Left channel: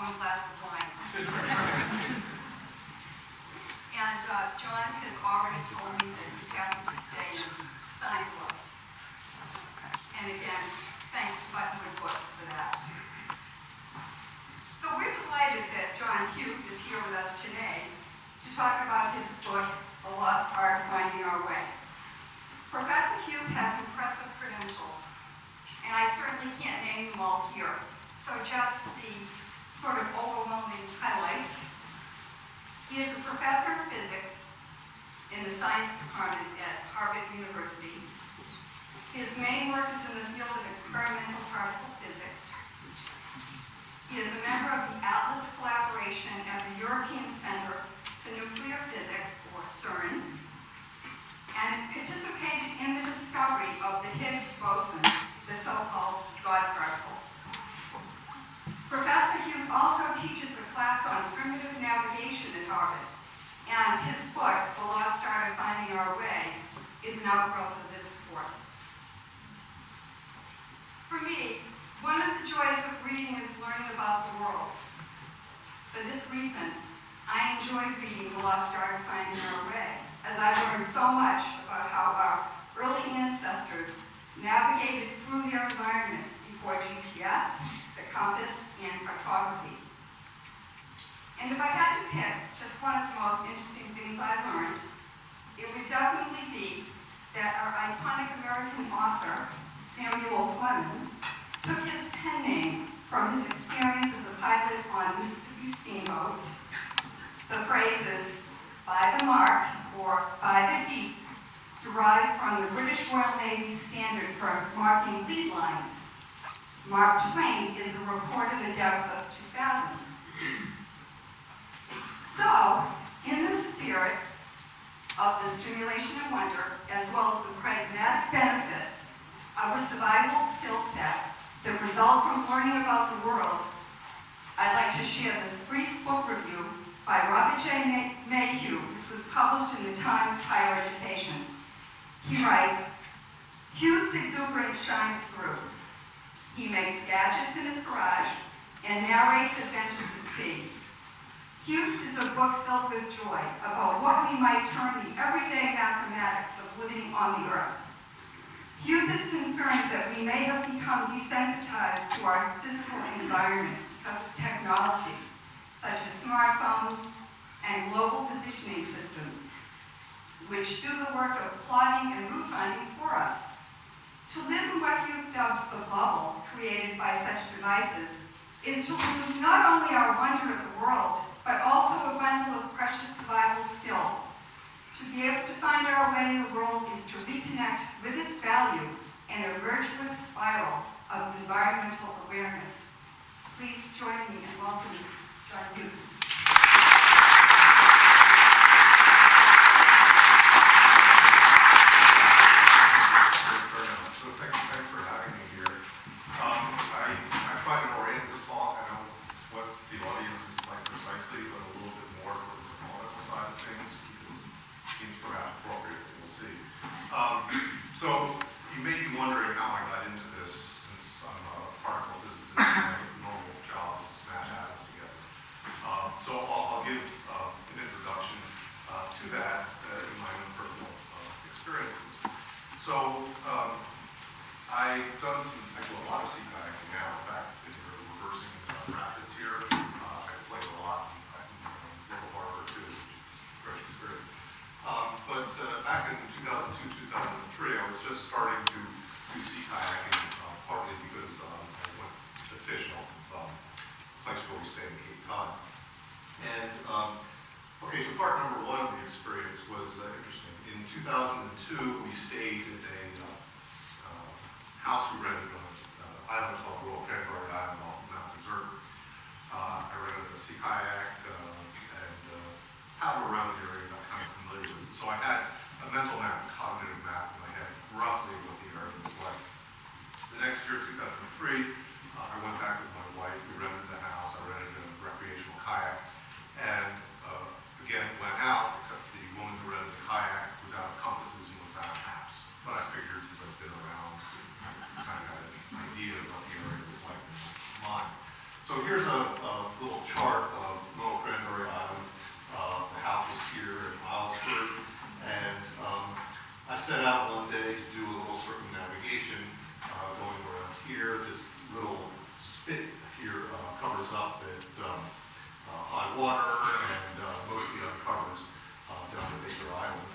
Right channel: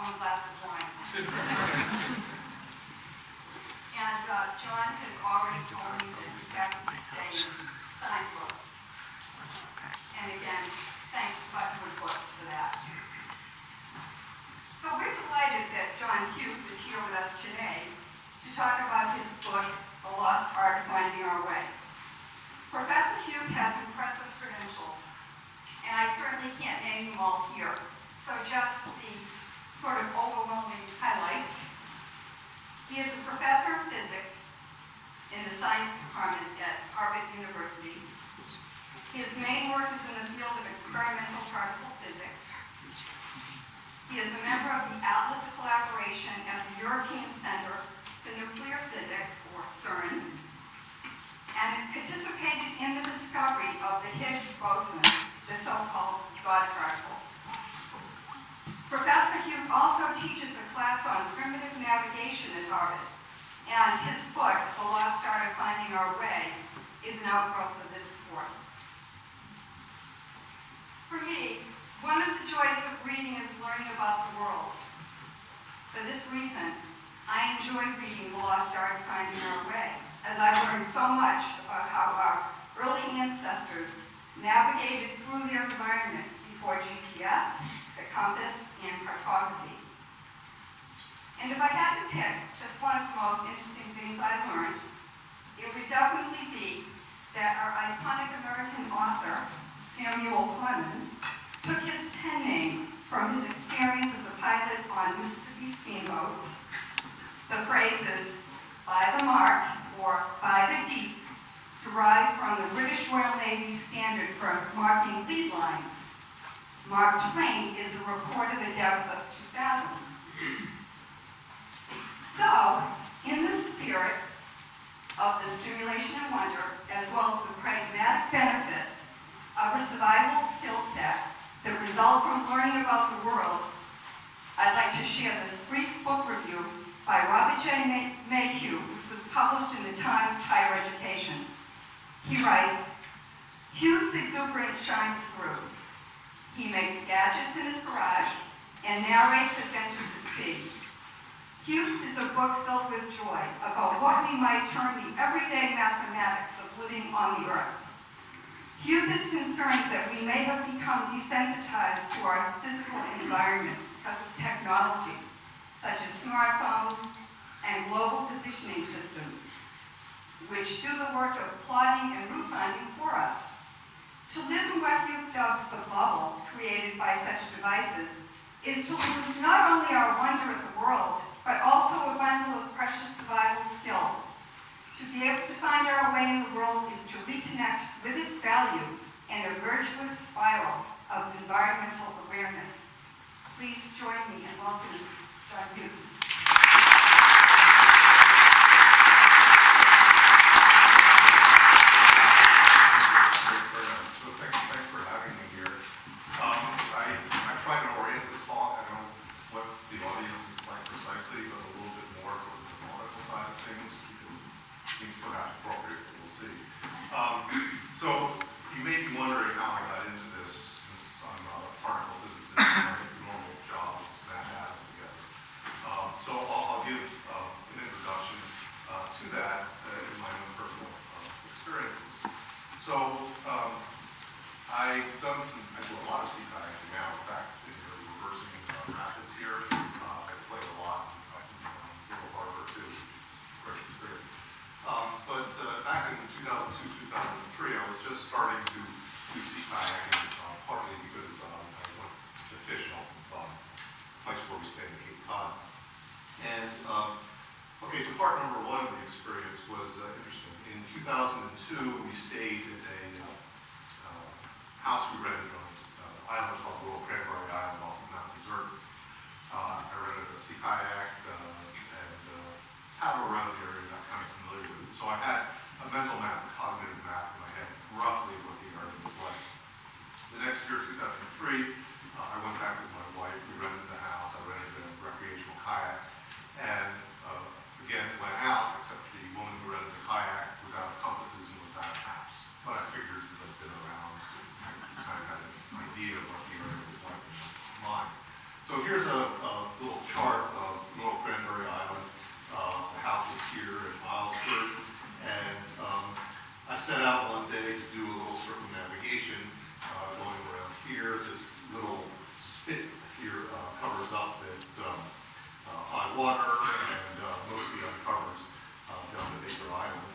one glass of wine. And John has already told me that he's happy to stay and sign books. And again, thanks to Buttonwood Books for that. So we're delighted that John Huth is here with us today to talk about his book, The Lost Art of Finding Our Way. Professor Huth has impressive credentials, and I certainly can't name them all here. So just the sort of overwhelming highlights. He is a professor of physics in the science department at Harvard University. His main work is in the field of experimental particle physics. He is a member of the Atlas Collaboration at the European Center for Nuclear Physics, or CERN, and participated in the discovery of the Higgs boson, the so-called God particle. Professor Huth also teaches a class on primitive navigation at Harvard, and his book, The Lost Art of Finding Our Way, is an outgrowth of this course. For me, one of the joys of reading is learning about the world. For this reason, I enjoy reading The Lost Art of Finding Our Way, as I learned so much about how our early ancestors navigated through their environments before GPS, the compass, and cartography. And if I had to pick just one of the most interesting things I learned, it would definitely be that our iconic American author, Samuel Clemens, took his pen name from his experience as a pilot on Mississippi steamboats. The phrases, by the mark, or by the deep, derived from the British Royal Navy standard for marking lead lines. Mark Twain is a reported a depth of 2 fathoms. So, in the spirit of the stimulation and wonder, as well as the pragmatic benefits of a survival skill set that result from learning about the world, I'd like to share this brief book review by Robert J. Mayhew, which was published in the Times Higher Education. He writes, Huth's exuberance shines through. He makes gadgets in his garage and narrates adventures at sea. Huth's is a book filled with joy about what we might term the everyday mathematics of living on the earth. Huth is concerned that we may have become desensitized to our physical environment because of technology, such as smartphones and global positioning systems, which do the work of plotting and route finding for us. To live in what Huth dubs the bubble created by such devices is to lose not only our wonder at the world, but also a bundle of precious survival skills. To be able to find our way in the world is to reconnect with its value and a virtuous spiral of environmental awareness. Please join me in welcoming John Huth. So you may be wondering how I got into this, since I'm a particle physicist and my normal job is to smash atoms together. So I'll give an introduction to that in my own personal experiences. So I do a lot of sea kayaking now. In fact, if you're reversing rapids here, I play a lot. I can Little Harbor too, which is a great experience. But back in 2002, 2003, I was just starting to do sea kayaking, partly because I went to fish off of the place where we stayed in Cape Cod. And, okay, so part number one of the experience was interesting. In 2002, we stayed at a house we rented on an island called Royal Cranberry Island off of Mount Desert. I rented a sea kayak and paddled around the area, got kind of familiar with it. So I had a mental map, a cognitive map in my head, roughly what the area was like. The next year, 2003, I went back with my wife. We rented the house. I rented a recreational kayak. And again, went out, except the woman who rented the kayak was out of compasses and was out of maps. But I figured since I've been around, I kind of had an idea of what the area was like in my mind. So here's a little chart of Lower Cranberry Island. The house was here in Islesford, and I set out one day to do a little circumnavigation going around here. This little spit here covers up at high water and mostly uncovers down at Baker Island.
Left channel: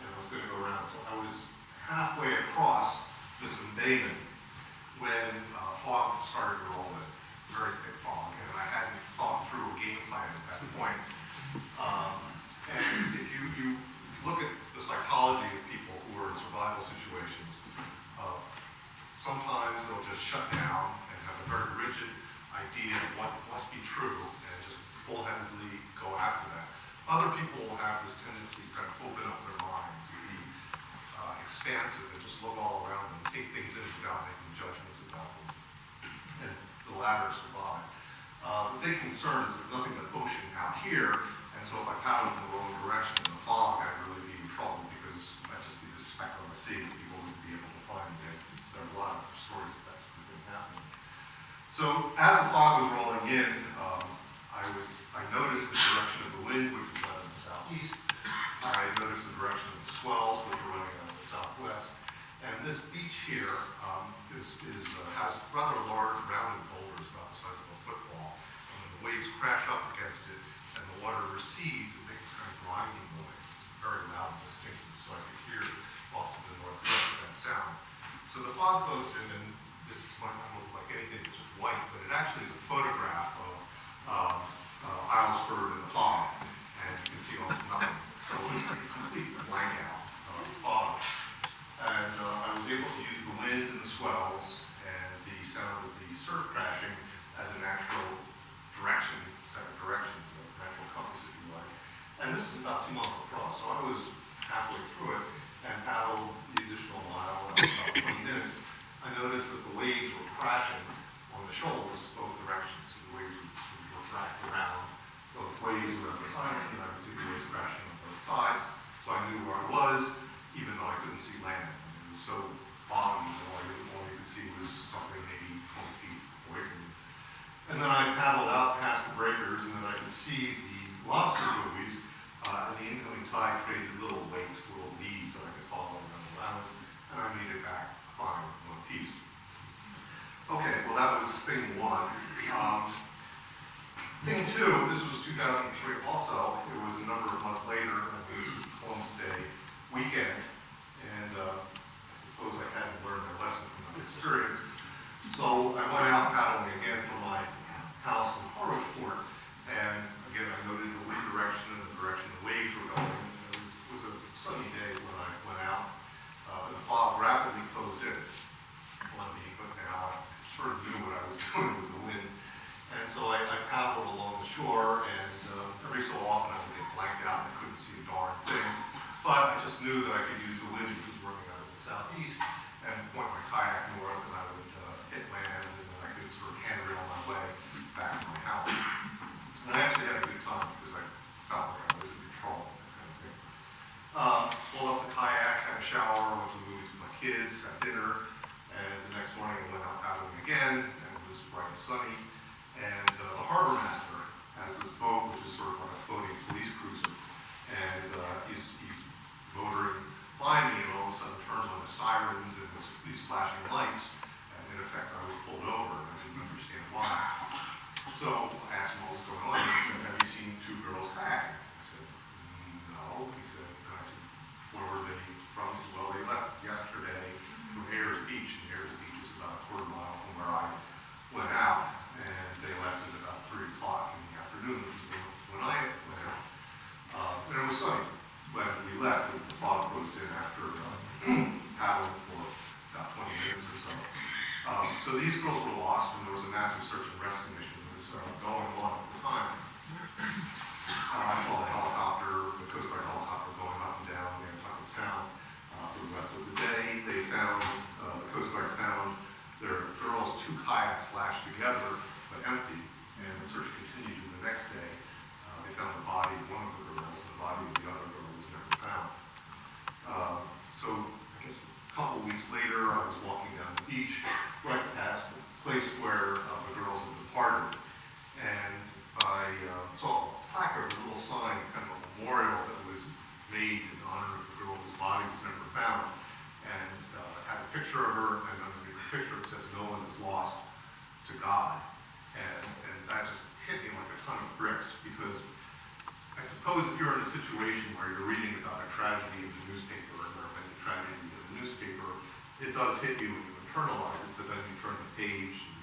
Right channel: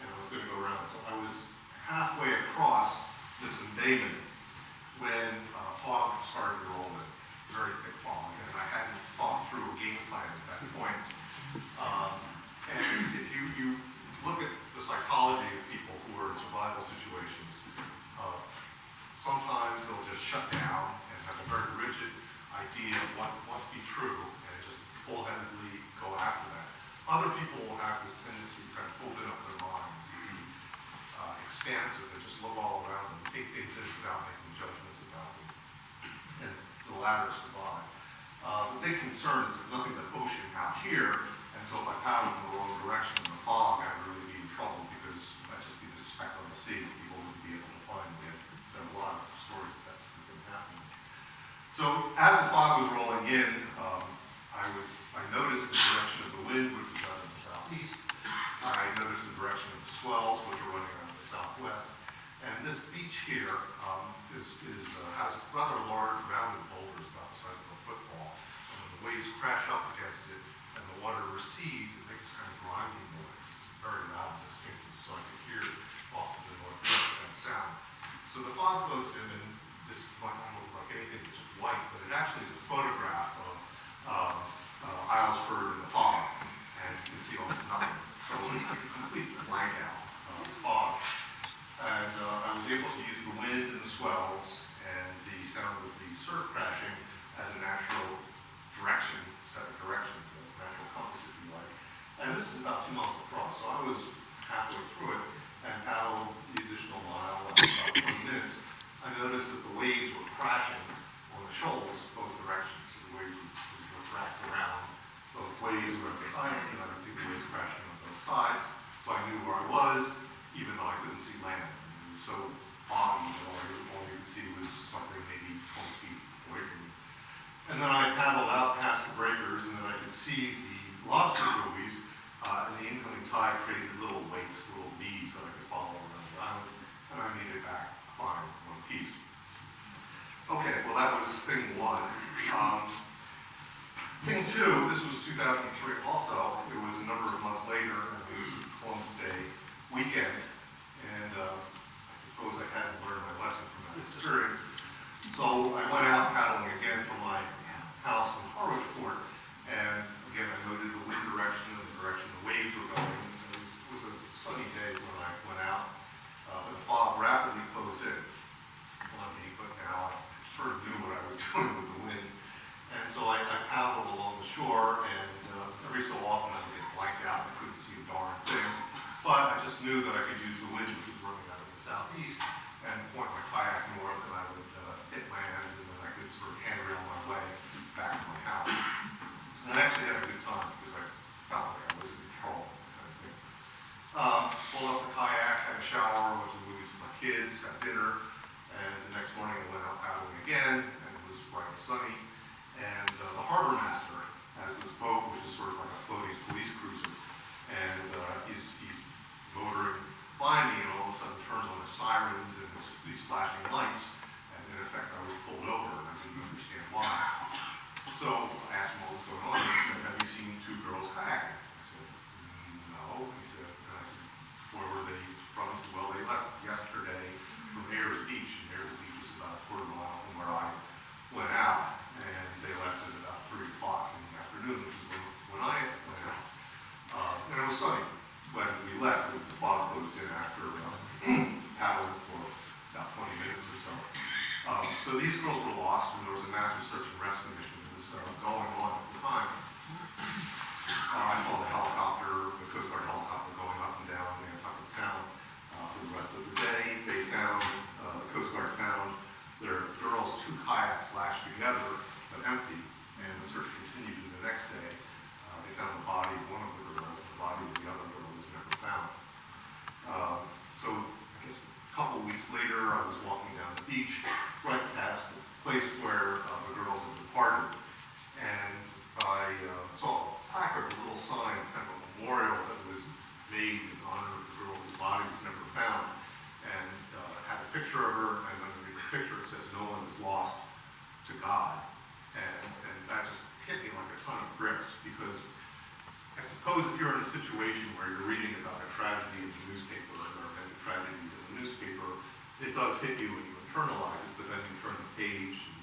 And I was going to go around. So I was halfway across this embayment when fog started to roll in, very thick fog, and I hadn't thought through a game plan at that point. And if you look at the psychology of people who are in survival situations, sometimes they'll just shut down and have a very rigid idea of what must be true and just bullheadedly go after that. Other people will have this tendency to kind of open up their minds, be expansive, and just look all around them, take things in without making judgments about them. And the latter survive. The big concern is there's nothing but ocean out here, and so if I paddled in the wrong direction in the fog, I'd really be in trouble because I'd just be this speck on the sea that people wouldn't be able to find me. There are a lot of stories that that's been happening. So as the fog was rolling in, I noticed the direction of the wind, which was out of the southeast. I noticed the direction of the swells, which were running out of the southwest. And this beach here has rather large rounded boulders about the size of a football. And when the waves crash up against it and the water recedes, it makes this kind of grinding noise. It's very loud and distinctive, so I could hear off to the northwest that sound. So the fog closed in, and this might not look like anything, it's just white, but it actually is a photograph of Islesford in the fog, and you can see almost nothing. So it was like a complete blank out of fog. And I was able to use the wind and the swells and the sound of the surf crashing as a natural direction, set of directions, a natural compass, if you like. And this is about 2 miles across, so I was halfway through it and paddled the additional mile in about 20 minutes. I noticed that the waves were crashing on the shoals both directions. So the waves were wrapped around both ways around the side, and I could see the waves crashing on both sides. So I knew where I was, even though I couldn't see land. It was so foggy that all you could see was something maybe 20 feet away from me. And then I paddled out past the breakers, and then I could see the lobster buoys, and the incoming tide created little wakes, little V's that I could follow around the island, and I made it back fine in one piece. Okay, well that was thing one. Thing two, this was 2003 also. It was a number of months later, and it was Columbus Day weekend, and I suppose I had to learn my lesson from that experience. So I went out paddling again from my house in Harwichport, and again I noted the wind direction and the direction the waves were going. It was a sunny day when I went out, but the fog rapidly closed in on me, but now I sort of knew what I was doing with the wind. And so I paddled along the shore, and every so often I would get blanked out and I couldn't see a darn thing. But I just knew that I could use the wind, which was running out of the southeast, and point my kayak north, and I would hit land, and then I could sort of handrail my way back to my house. And I actually had a good time because I felt like I was in control, that kind of thing. Pulled up the kayak, had a shower, went to the movies with my kids, had dinner, and the next morning I went out paddling again, and it was bright and sunny. And the harbor master has this boat, which is sort of like a floating police cruiser, and he's motoring by me, and all of a sudden turns on the sirens and these flashing lights, and in effect I was pulled over, and I didn't understand why. So I asked him what was going on, and he said, "Have you seen two girls kayaking?" I said, "No." He said, and I said, "Where were they from?" He said, "Well, they left yesterday from Ayers Beach," and Ayers Beach is about a quarter mile from where I went out, and they left at about 3 o'clock in the afternoon, which is when I went out. And it was sunny when we left. The fog closed in after paddling for about 20 minutes or so. So these girls were lost, and there was a massive search and rescue mission that was going on at the time. I saw the helicopter, the Coast Guard helicopter, going up and down the Nantucket Sound for the rest of the day. They found, the Coast Guard found their girls' 2 kayaks lashed together but empty, and the search continued to the next day. They found the body of one of the girls, and the body of the other girl was never found. So I guess a couple weeks later, I was walking down the beach right past the place where the girls had departed, and because I suppose if you're in a situation where you're reading about a tragedy in the newspaper, or there have been tragedies in the newspaper, it does hit you and you internalize it, but then you turn the page and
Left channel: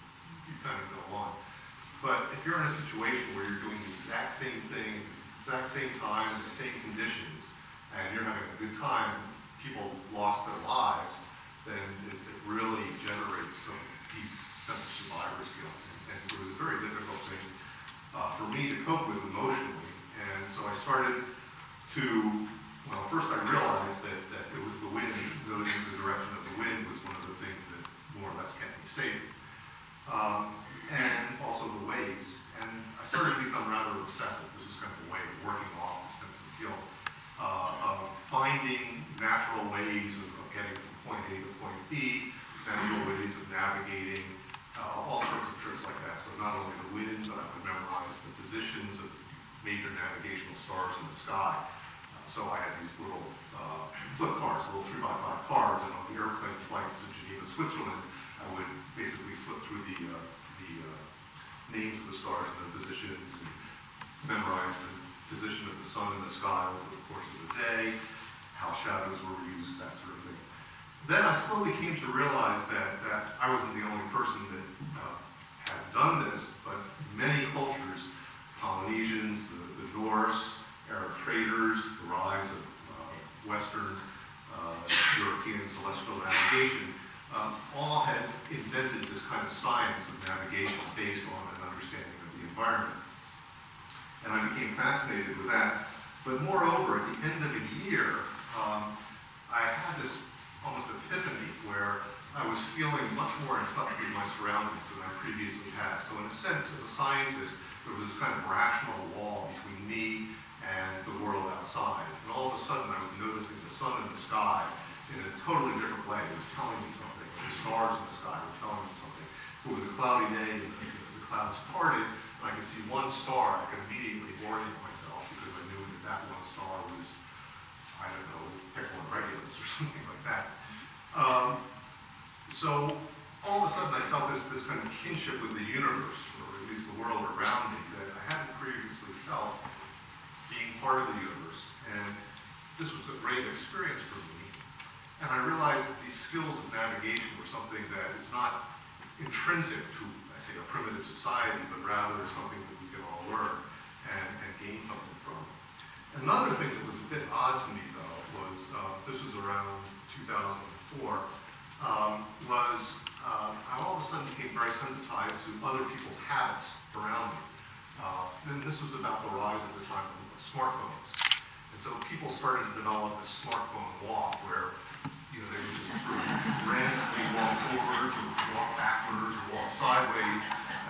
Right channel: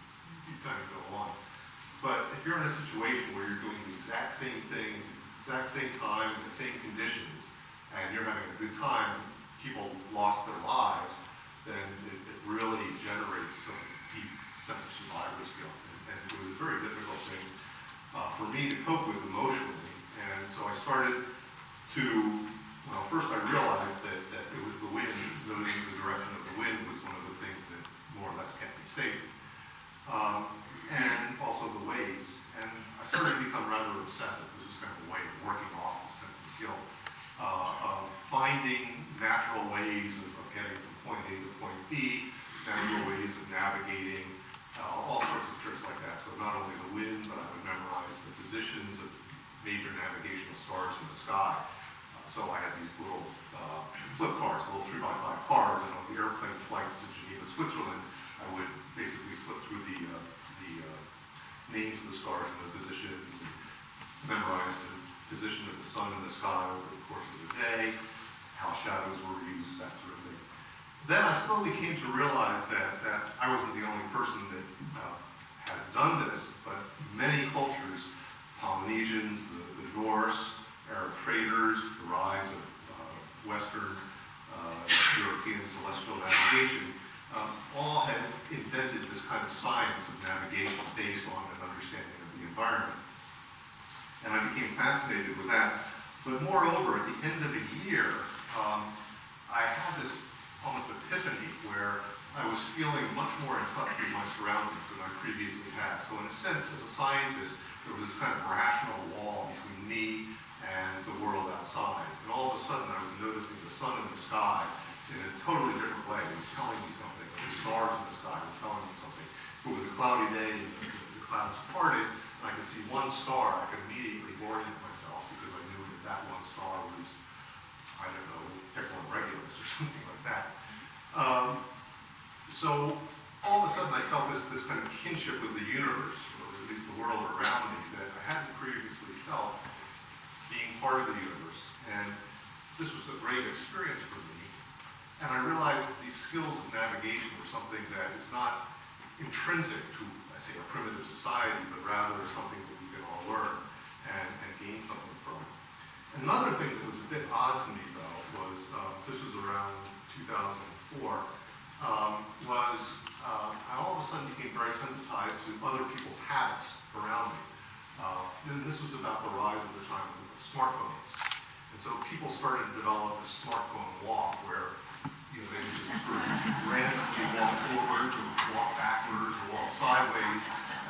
you kind of go on. But if you're in a situation where you're doing the exact same thing, exact same time, the same conditions, and you're having a good time, and people lost their lives, then it really generates some deep sense of survivor's guilt. And it was a very difficult thing for me to cope with emotionally. And so I started to, well, first I realized that it was the wind, noting the direction of the wind was one of the things that more or less kept me safe. And also the waves. And I started to become rather obsessive. This was kind of a way of working off the sense of guilt, of finding natural ways of getting from point A to point B, natural ways of navigating, all sorts of tricks like that. So not only the wind, but I would memorize the positions of major navigational stars in the sky. So I had these little flip cards, little 3x5 cards, and on the airplane flights to Geneva, Switzerland, I would basically flip through the names of the stars and their positions, and memorize the position of the sun in the sky over the course of the day, how shadows were used, that sort of thing. Then I slowly came to realize that I wasn't the only person that has done this, but many cultures, Polynesians, the Norse, Arab traders, the rise of Western European celestial navigation, all had invented this kind of science of navigation based on an understanding of the environment. And I became fascinated with that. But moreover, at the end of a year, I had this almost epiphany where I was feeling much more in touch with my surroundings than I previously had. So in a sense, as a scientist, there was this kind of rational wall between me and the world outside. And all of a sudden, I was noticing the sun in the sky in a totally different way. It was telling me something. The stars in the sky were telling me something. If it was a cloudy day and the clouds parted, and I could see one star, I could immediately orient myself because I knew that one star was, I don't know, Picard Regulus or something like that. So all of a sudden I felt this kind of kinship with the universe, or at least the world around me, that I hadn't previously felt being part of the universe. And this was a great experience for me. And I realized that these skills of navigation were something that is not intrinsic to, I say, a primitive society, but rather something that we can all learn and gain something from. Another thing that was a bit odd to me, though, was, this was around 2004, I all of a sudden became very sensitized to other people's habits around me. And this was about the rise at the time of smartphones. And so people started to develop this smartphone walk where, you know, they would just sort of randomly walk forwards or walk backwards or walk sideways,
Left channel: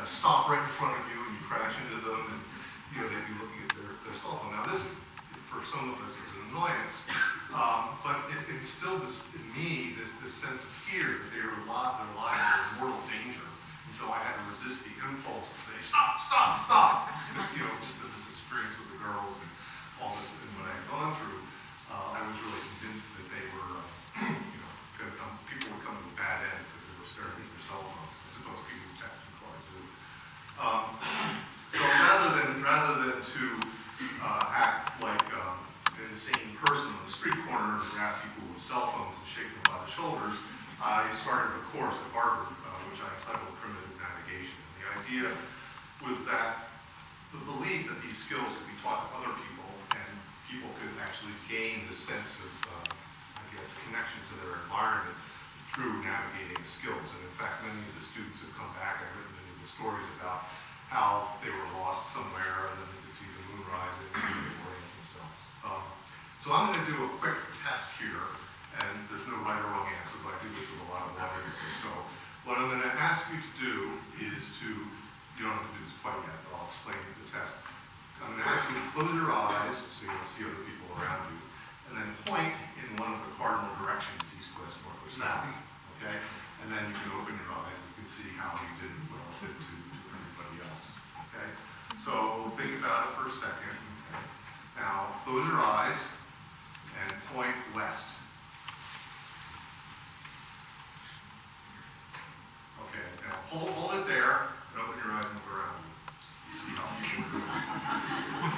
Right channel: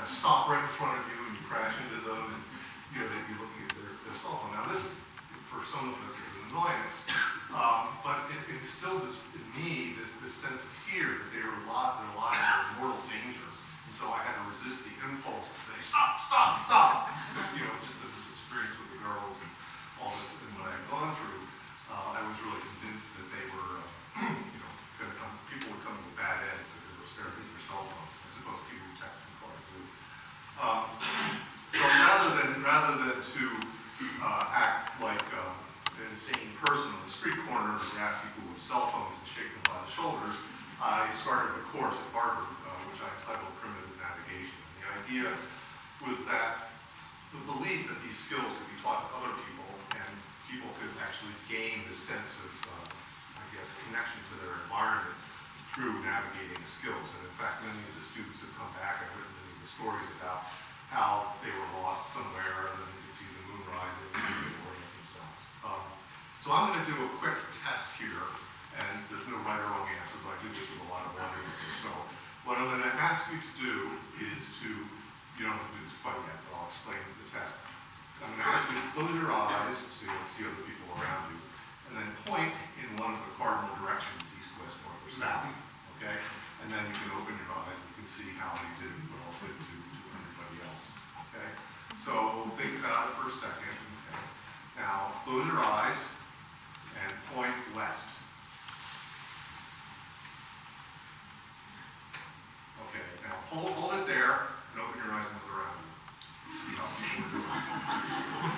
stop right in front of you and you crash into them, and, you know, they'd be looking at their cell phone. Now this, for some of us, is an annoyance, but it instilled in me this sense of fear that their lives are in mortal danger. And so I had to resist the impulse to say, stop, stop, stop. Because, you know, just this experience with the girls and all this, and what I had gone through, I was really convinced that they were, you know, people would come to a bad end because they were staring at their cell phones. I suppose people would text and call too. So rather than to act like an insane person on the street corner and grab people with cell phones and shake them by the shoulders, I started a course at Harvard, which I entitled Primitive Navigation. And the idea was that the belief that these skills could be taught to other people and people could actually gain this sense of, I guess, connection to their environment through navigating skills. And in fact, many of the students have come back and written many of the stories about how they were lost somewhere and then they could see the moon rising and they could orient themselves. So I'm going to do a quick test here, and there's no right or wrong answer, but I do this with a lot of audiences. So what I'm going to ask you to do is to, you don't have to do this quite yet, but I'll explain the test. I'm going to ask you to close your eyes so you don't see other people around you, and then point in one of the cardinal directions, east, west, north, or south, okay? And then you can open your eyes and you can see how you did relative to everybody else, okay? So think about it for a second, okay? Now, close your eyes and point west. Okay, now hold it there and open your eyes and look around you. See how people are doing.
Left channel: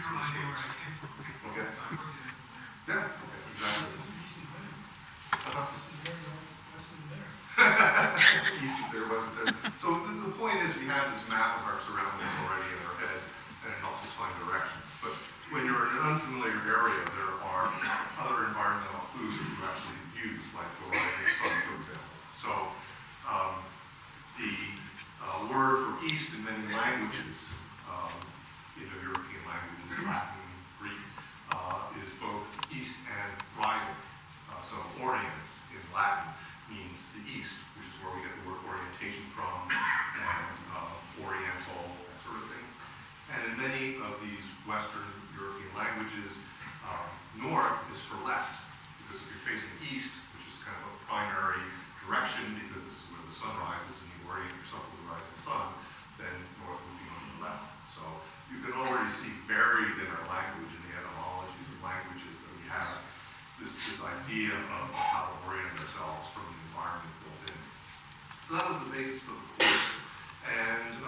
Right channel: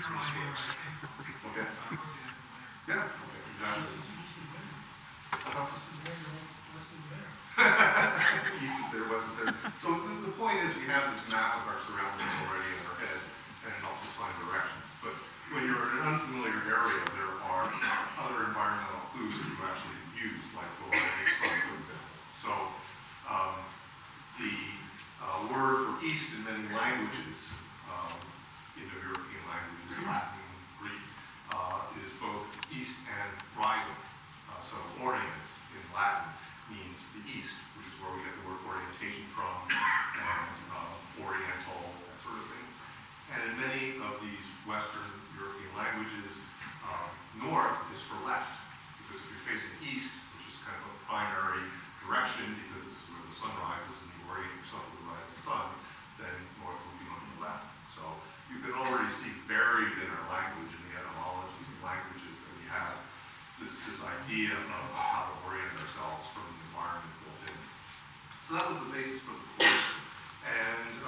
languages in space. Okay. Yeah, okay, exactly. East is there, west is there. So the point is we have this map of our surroundings already in our head, and it helps us find directions. But when you're in an unfamiliar area, there are other environmental clues that you actually use, like the rising sun, for example. So the word for east in many languages, Indo-European languages, Latin, Greek, is both east and rising. So orient in Latin means the east, which is where we get the word orientation from, and oriental, that sort of thing. And in many of these Western European languages, north is for left, because if you're facing east, which is kind of a primary direction, because this is where the sun rises and you orient yourself to the rising sun, then north will be on your left. So you can already see buried in our language, in the etymologies of languages, that we have this idea of how to orient ourselves from the environment built in. So that was the basis for the course. And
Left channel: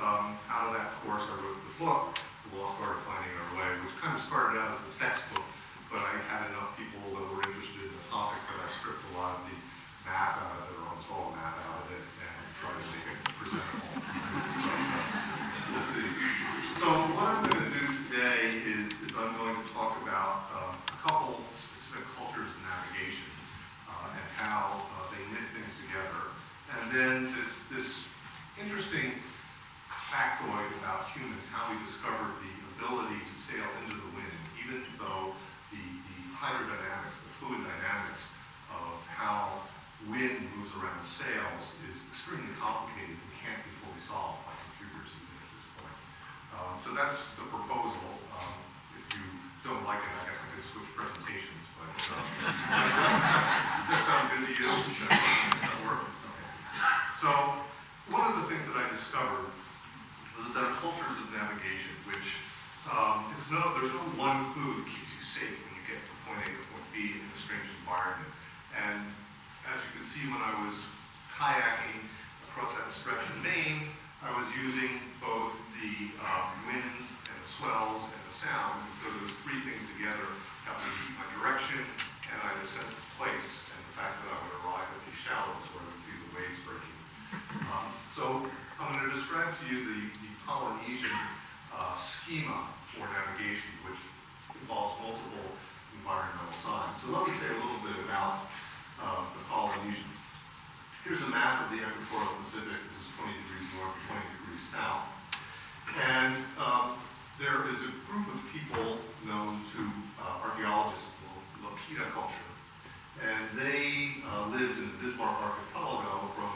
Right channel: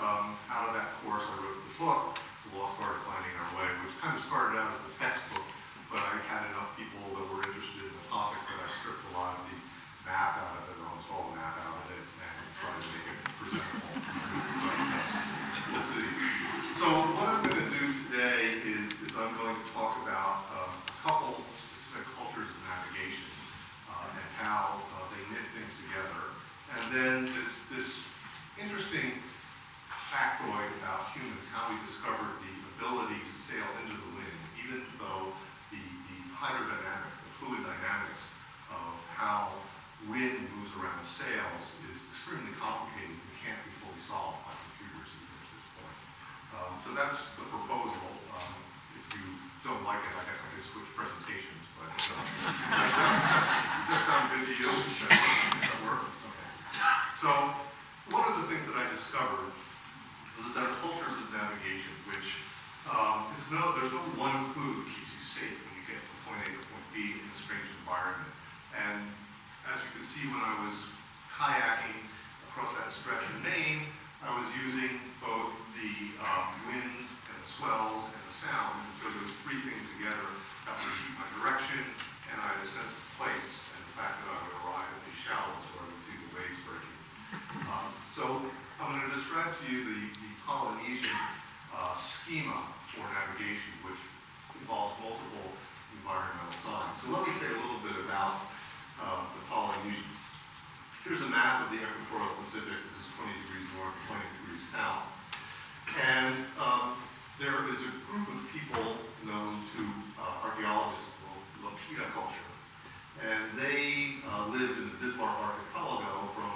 out of that course, I wrote the book, The Lost Art of Finding Our Way, which kind of started out as a textbook, but I had enough people that were interested in the topic that I stripped a lot of the math out of it, or almost all the math out of it, and tried to make it presentable. We'll see. So what I'm going to do today is I'm going to talk about a couple specific cultures of navigation and how they knit things together. And then this interesting factoid about humans, how we discovered the ability to sail into the wind, even though the hydrodynamics, the fluid dynamics of how wind moves around the sails is extremely complicated and can't be fully solved by computers even at this point. So that's the proposal. If you don't like it, I guess I could switch presentations, but does that sound good to you? Does that work? Okay. So one of the things that I discovered was that there are cultures of navigation, which there's no one clue that keeps you safe when you get from point A to point B in a strange environment. And as you can see, when I was kayaking across that stretch in Maine, I was using both the wind and the swells and the sound. And so those three things together helped me keep my direction, and I had a sense of place, and the fact that I would arrive at these shallows where I would see the waves breaking. So I'm going to describe to you the Polynesian schema for navigation, which involves multiple environmental signs. So let me say a little bit about the Polynesians. Here's a map of the equatorial Pacific. This is 20 degrees north, 20 degrees south. And there is a group of people known to archaeologists, the Lapita culture. And they lived in the Bismarck archipelago from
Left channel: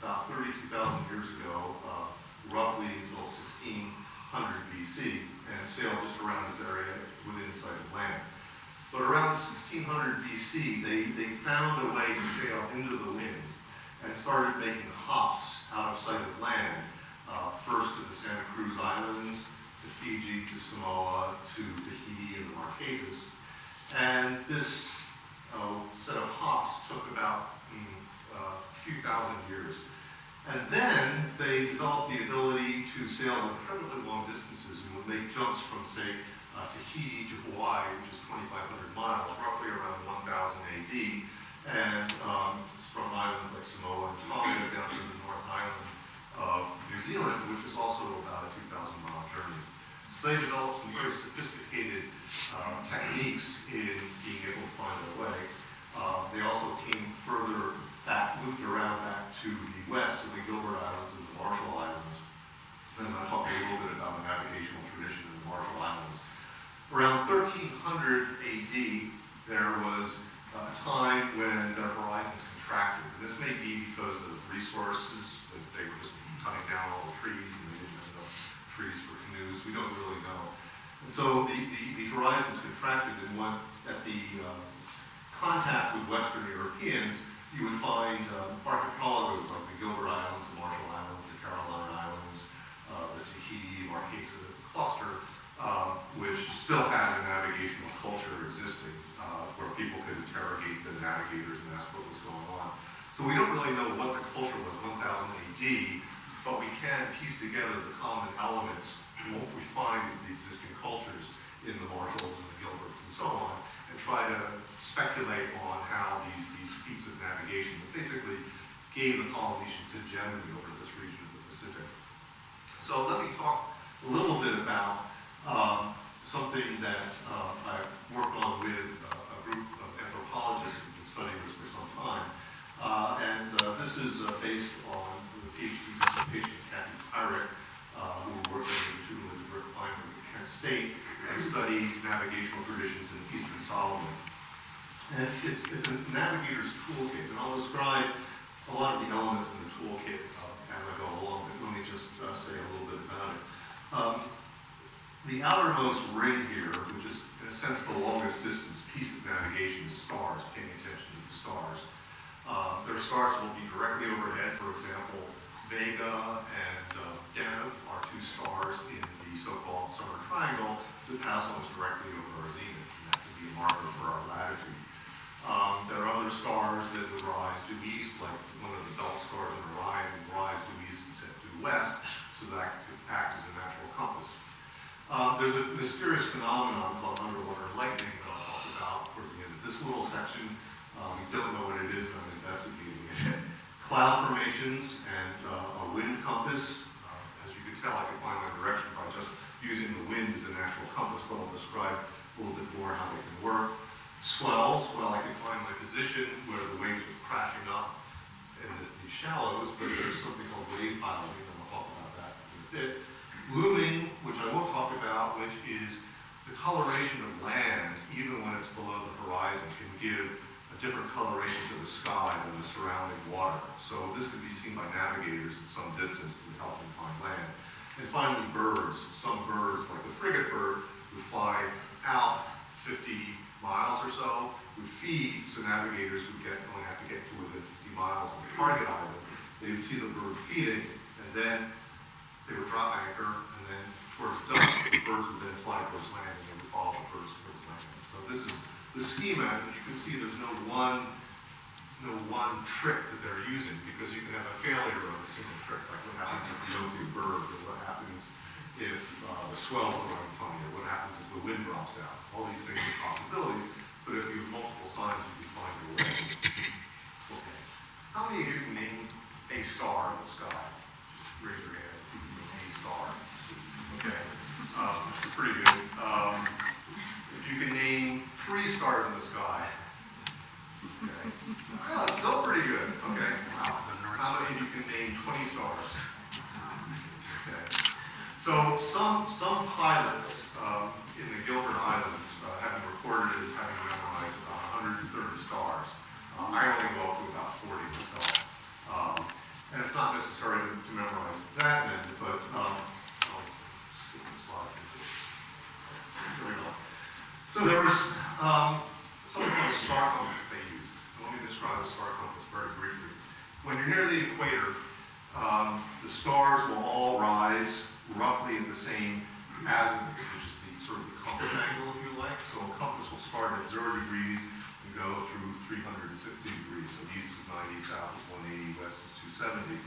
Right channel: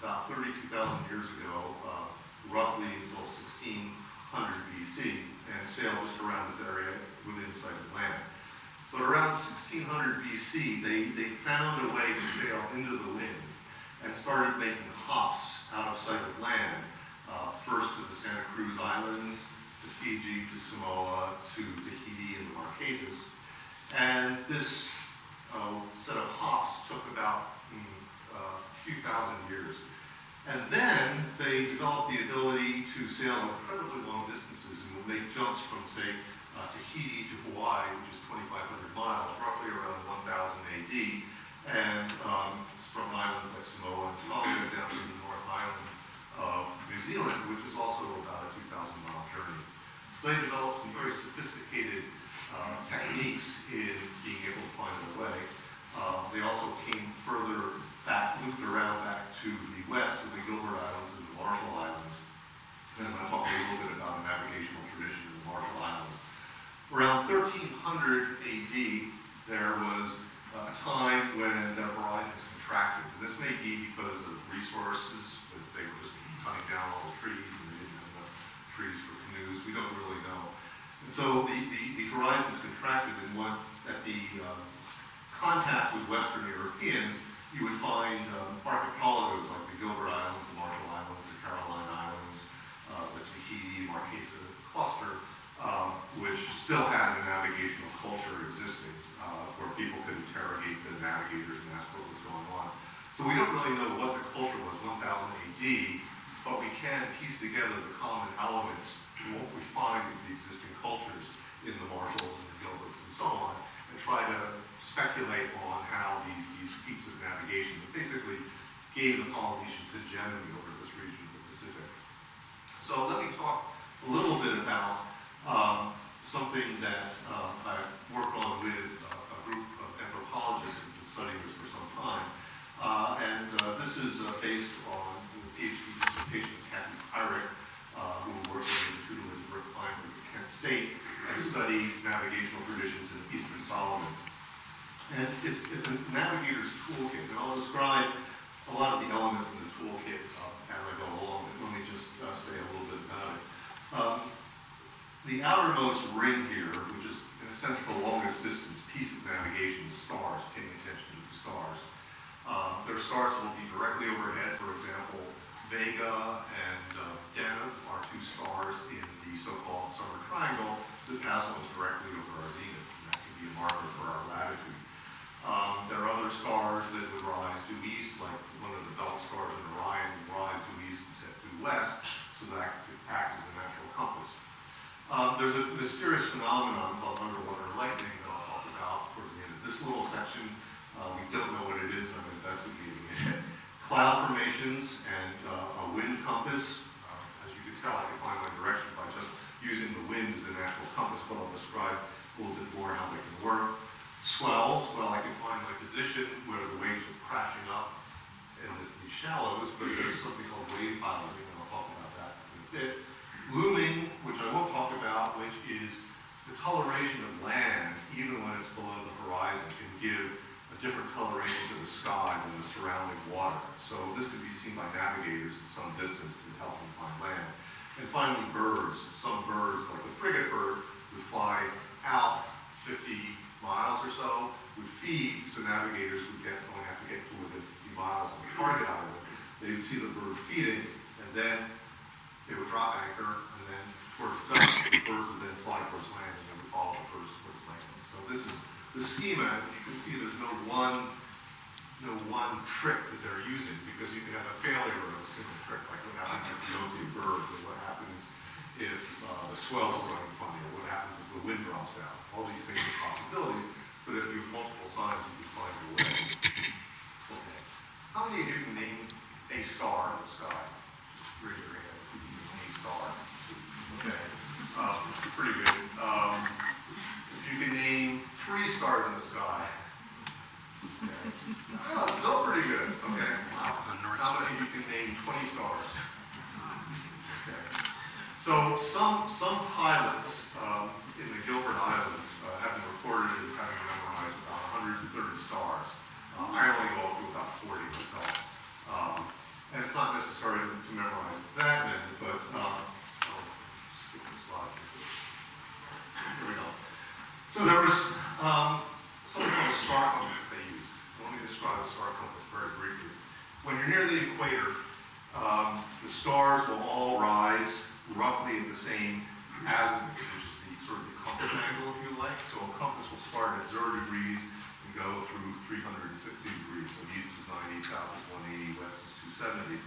about 32,000 years ago, roughly until 1600 BC, and sailed just around this area within sight of land. But around 1600 BC, they found a way to sail into the wind and started making hops out of sight of land, first to the Santa Cruz Islands, to Fiji, to Samoa, to Tahiti, and the Marquesas. And this set of hops took about a few thousand years. And then they developed the ability to sail incredibly long distances and would make jumps from, say, Tahiti to Hawaii, which is 2,500 miles, roughly around 1000 AD, and from islands like Samoa and Tonga down to the North Island of New Zealand, which is also about a 2,000-mile journey. So they developed some very sophisticated techniques in being able to find their way. They also came further back, looped around back to the west, to the Gilbert Islands and the Marshall Islands. And I'll talk a little bit about the navigational tradition in the Marshall Islands. Around 1300 AD, there was a time when the horizons contracted. And this may be because of resources, that they were just cutting down all the trees and they didn't have enough trees for canoes. We don't really know. And so the horizons contracted, and at the contact with Western Europeans, you would find archipelagos like the Gilbert Islands, the Marshall Islands, the Caroline Islands, the Tahiti, Marquesa cluster, which still had a navigational culture existing, where people could interrogate the navigators and ask what was going on. So we don't really know what the culture was 1000 AD, but we can piece together the common elements and what we find in the existing cultures in the Marshalls and the Gilberts and so on, and try to speculate on how these feats of navigation that basically gave the Polynesians hegemony over this region of the Pacific. So let me talk a little bit about something that I've worked on with a group of anthropologists who've been studying this for some time. This is based on the PhD dissertation of Kathy Pyrick, who worked in the tutelage of Rick Feinberg at Kent State, and studied navigational traditions in Eastern Solomon. And it's a navigator's toolkit, and I'll describe a lot of the elements in the toolkit as I go along, but let me just say a little bit about it. The outermost ring here, which is in a sense the longest distance piece of navigation, is stars, paying attention to the stars. There are stars that will be directly overhead. For example, Vega and Deneb are two stars in the so-called summer triangle that pass almost directly over our zenith, and that can be a marker for our latitude. There are other stars that would rise due east, like one of the belt stars in Orion would rise due east and set due west, so that could act as a natural compass. There's a mysterious phenomenon called underwater lightning that I'll talk about towards the end of this little section. We don't know what it is, and I'm investigating it. Cloud formations and a wind compass. As you can tell, I can find my direction by just using the wind as a natural compass, but I'll describe a little bit more how they can work. Swells, well, I can find my position where the waves are crashing up in these shallows, but there's something called wave piloting, and I'll talk about that in a bit. Looming, which I won't talk about, which is the coloration of land, even when it's below the horizon, can give a different coloration to the sky than the surrounding water. So this could be seen by navigators at some distance to help them find land. And finally, birds. Some birds, like the frigate bird, would fly out 50 miles or so, would feed, so navigators would only have to get to within 50 miles of the target island. They would see the bird feeding, and then they would drop anchor, and then towards dusk, the birds would then fly towards land, and they would follow the birds towards land. So this is the schema. You can see there's no one trick that they're using, because you can have a failure of a single trick, like what happens if you don't see a bird, or what happens if the swells are going funny, or what happens if the wind drops out. All these things are possibilities, but if you have multiple signs, you can find your way. Okay. How many of you can name a star in the sky? Just raise your hand if you can name a star. Okay. Pretty good. If you can name 3 stars in the sky. Okay. Oh, that's still pretty good. Okay. Wow. How many of you can name 20 stars? Okay. So some pilots in the Gilbert Islands have been recorded as having memorized about 130 stars. I only go up to about 40 myself. And it's not necessary to memorize that many, but I'll skip the slide. There we go. So there was something called a star compass that they use. Let me describe the star compass very briefly. When you're near the equator, the stars will all rise roughly at the same azimuth, which is the sort of the compass angle, if you like. So a compass will start at 0 degrees and go through 360 degrees. So east is 90, south is 180, west is 270.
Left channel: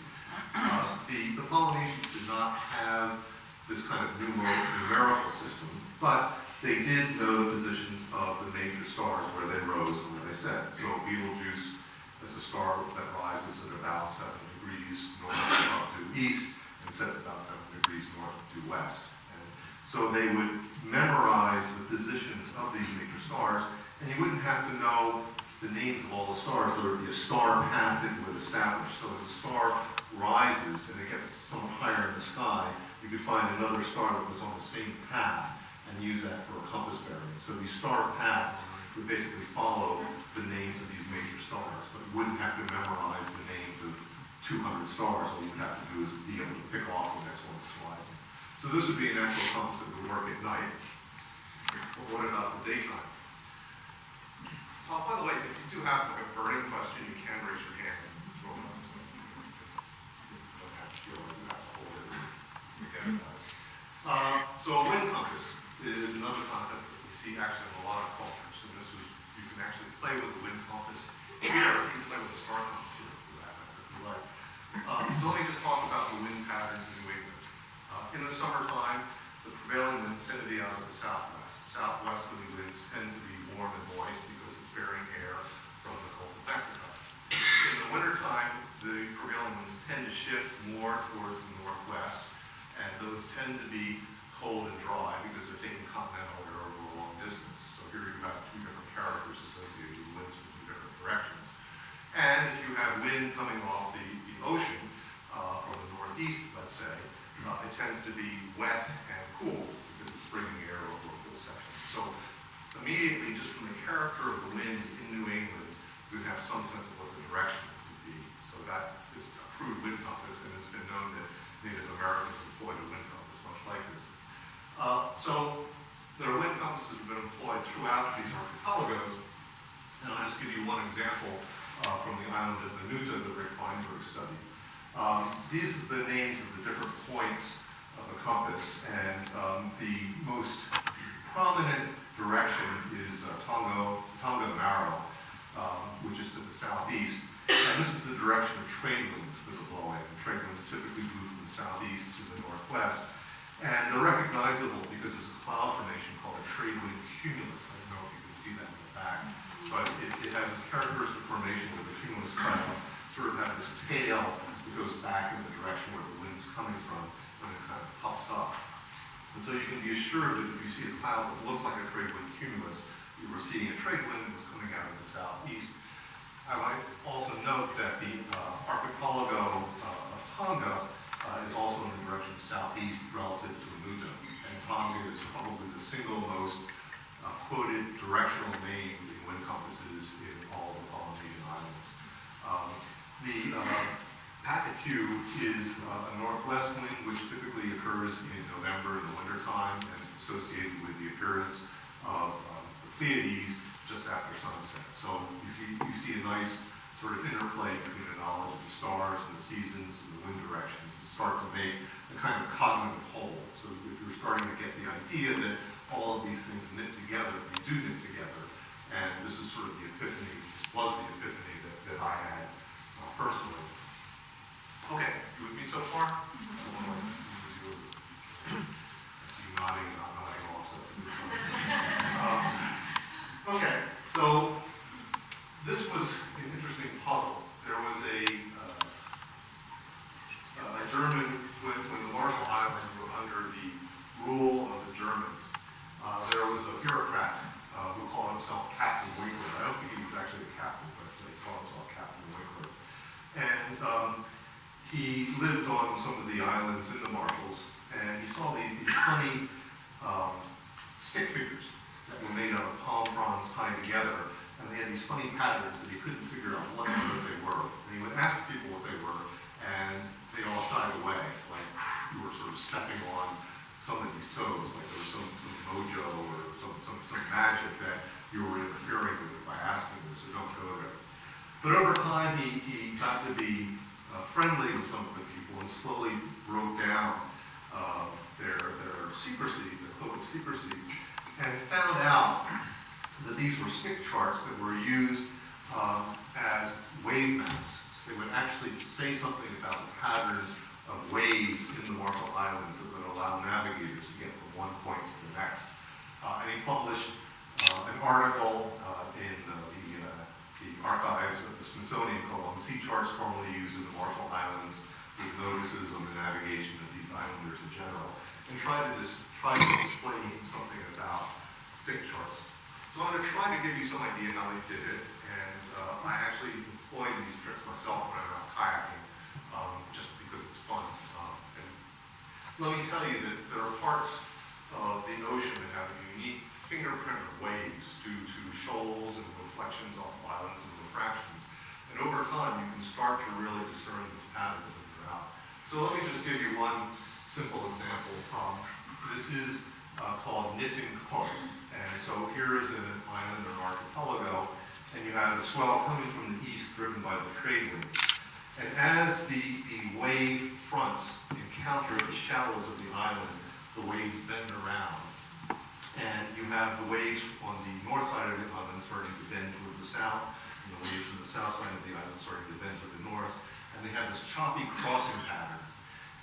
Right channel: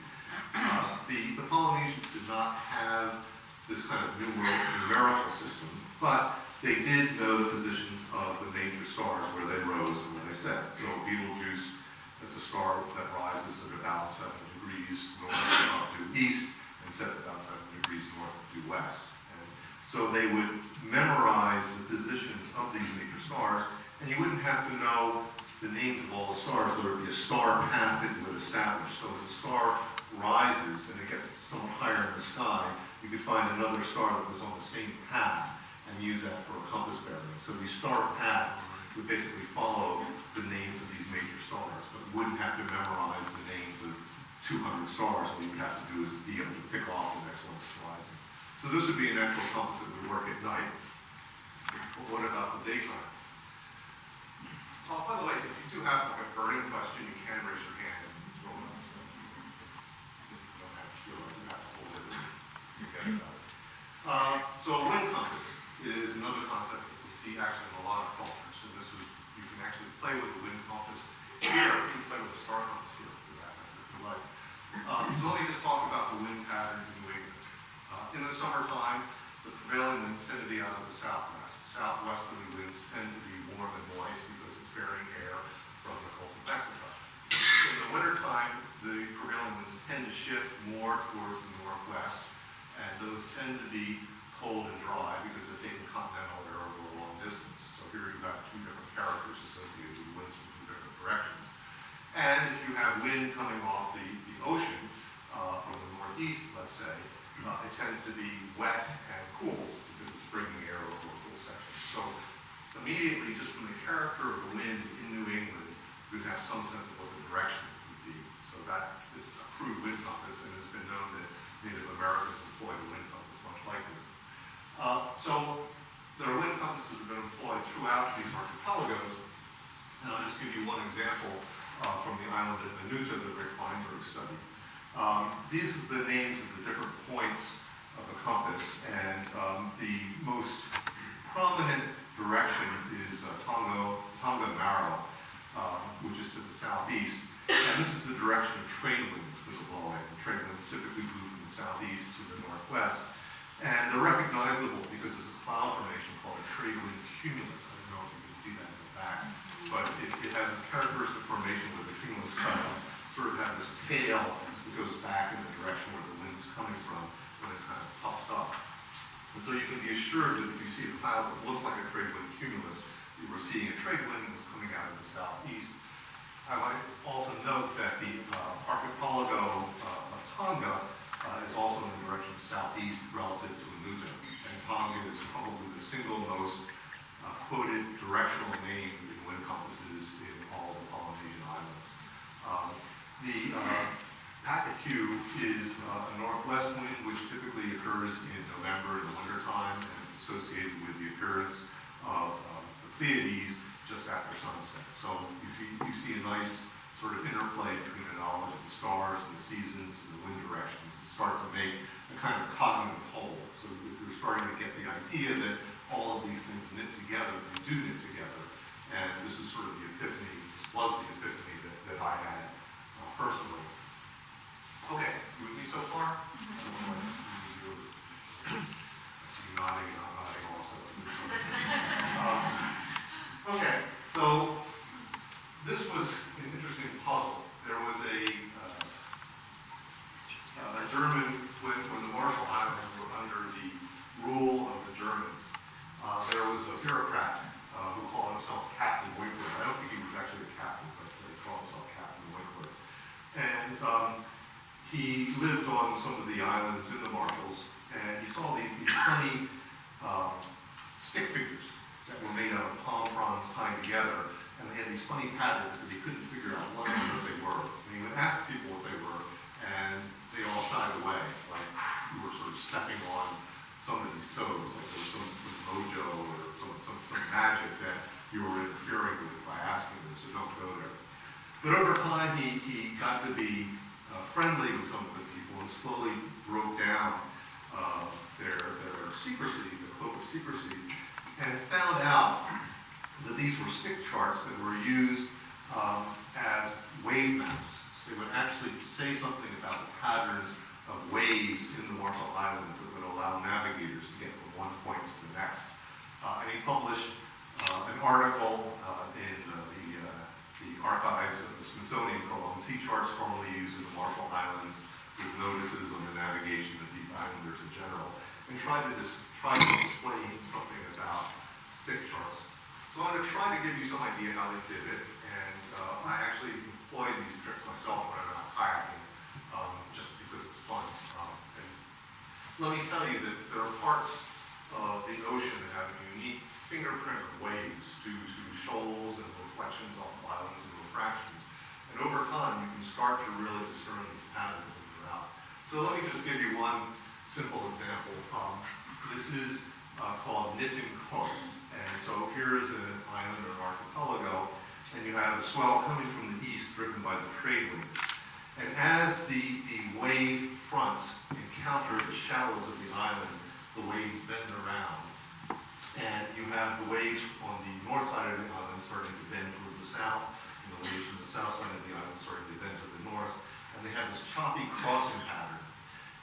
The Polynesians did not have this kind of numerical system, but they did know the positions of the major stars where they rose and where they set. So Betelgeuse is a star that rises at about 7 degrees north up to east and sets about 7 degrees north to west. And so they would memorize the positions of these major stars, and you wouldn't have to know the names of all the stars. There would be a star path that would establish. So as a star rises and it gets somewhat higher in the sky, you could find another star that was on the same path and use that for a compass bearing. So these star paths would basically follow the names of these major stars, but you wouldn't have to memorize the names of 200 stars. All you would have to do is be able to pick off the next one that's rising. So this would be a natural compass that would work at night. But what about the daytime? Oh, by the way, if you do have like a burning question, you can raise your hand. You don't have to feel like you have to hold it. Forget about it. So a wind compass is another concept that we see actually in a lot of cultures. And this is, you can actually play with the wind compass here. You can play with the star compass here for that matter, if you like. So let me just talk about the wind patterns in New England. In the summertime, the prevailing winds tend to be out of the southwest. tend to be cold and dry because they're taking continental air over a long distance. So here you have two different characters associated with winds from two different directions. And if you have wind coming off the ocean from the northeast, let's say, it tends to be wet and cool because it's bringing air over a cool section. So immediately, just from the character of the wind in New England, you have some sense of what the direction would be. So that is a crude wind compass, and it's been known that Native Americans employed a wind compass much like this. So there are wind compasses that have been employed throughout these archipelagos, and I'll just give you one example from the island of Vanuatu that Rick Feinberg studied. These are the names of the different points of a compass, and the most prominent direction is Tonga Maro, which is to the southeast. And this is the direction of trade winds that are blowing. And trade winds typically move from the southeast to the northwest. And they're recognizable because there's a cloud formation called a trade wind cumulus. I don't know if you can see that in the back, but it has this characteristic formation where the cumulus clouds sort of have this tail that goes back in the direction where the wind's coming from when it kind of pops up. And so you can be assured that if you see a cloud that looks like a trade wind cumulus, you were seeing a trade wind that was coming out of the southeast. I might also note that the archipelago of Tonga is also in the direction southeast relative to Vanuatu. And Tonga is probably the single most quoted directional name in wind compasses in all of the Polynesian islands. The Pakatu is a northwest wind which typically occurs in November in the wintertime, and it's associated with the appearance of the Pleiades just after sunset. So you see a nice sort of interplay between the knowledge of the stars and the seasons and the wind directions and start to make a kind of cognitive whole. So if you're starting to get the idea that all of these things knit together, they do knit together, and this is sort of the epiphany, was the epiphany that I had personally. Okay, you with me so far? I see you nodding and I'm nodding also. Okay, so this was an interesting puzzle. There was a German, when the Marshall Islands were under the rule of the Germans, there was a bureaucrat who called himself Captain Winkler. I don't think he was actually a captain, but he called himself Captain Winkler. And he lived on some of the islands in the Marshalls, and he saw these funny stick figures that were made out of palm fronds tied together, and they had these funny patterns that he couldn't figure out what they were. And he would ask people what they were, and they all shied away, like you were sort of stepping on somebody's toes, like there was some mojo or some magic that you were interfering with by asking this, so don't go there. But over time, he got to be friendly with some of the people and slowly broke down their secrecy, their cloak of secrecy, and found out that these were stick charts that were used as wave maps. So they would actually say something about the patterns of waves in the Marshall Islands that would allow navigators to get from one point to the next. And he published an article in the archives of the Smithsonian called "Sea Charts Formerly Used in the Marshall Islands with Notices on the Navigation of these Islanders in General," and tried to explain something about stick charts. So I'm going to try to give you some idea how they did it, and I actually employ these tricks myself when I'm out kayaking, just because it's fun. And let me tell you that there are parts of the ocean that have a unique fingerprint of waves due to shoals and reflections off of islands and refractions. And over time, you can start to really discern these patterns as they're out. So let me just give you one simple example. This is called Nitin Koi. And so here is an island or archipelago, and you have the swell coming from the east driven by the trade winds. And as the wave fronts encounter the shallows of the island, the waves bend around. And you have the waves on the north side of the island starting to bend towards the south, and the waves from the south side of the island starting to bend to the north. And they have this choppy crossing pattern.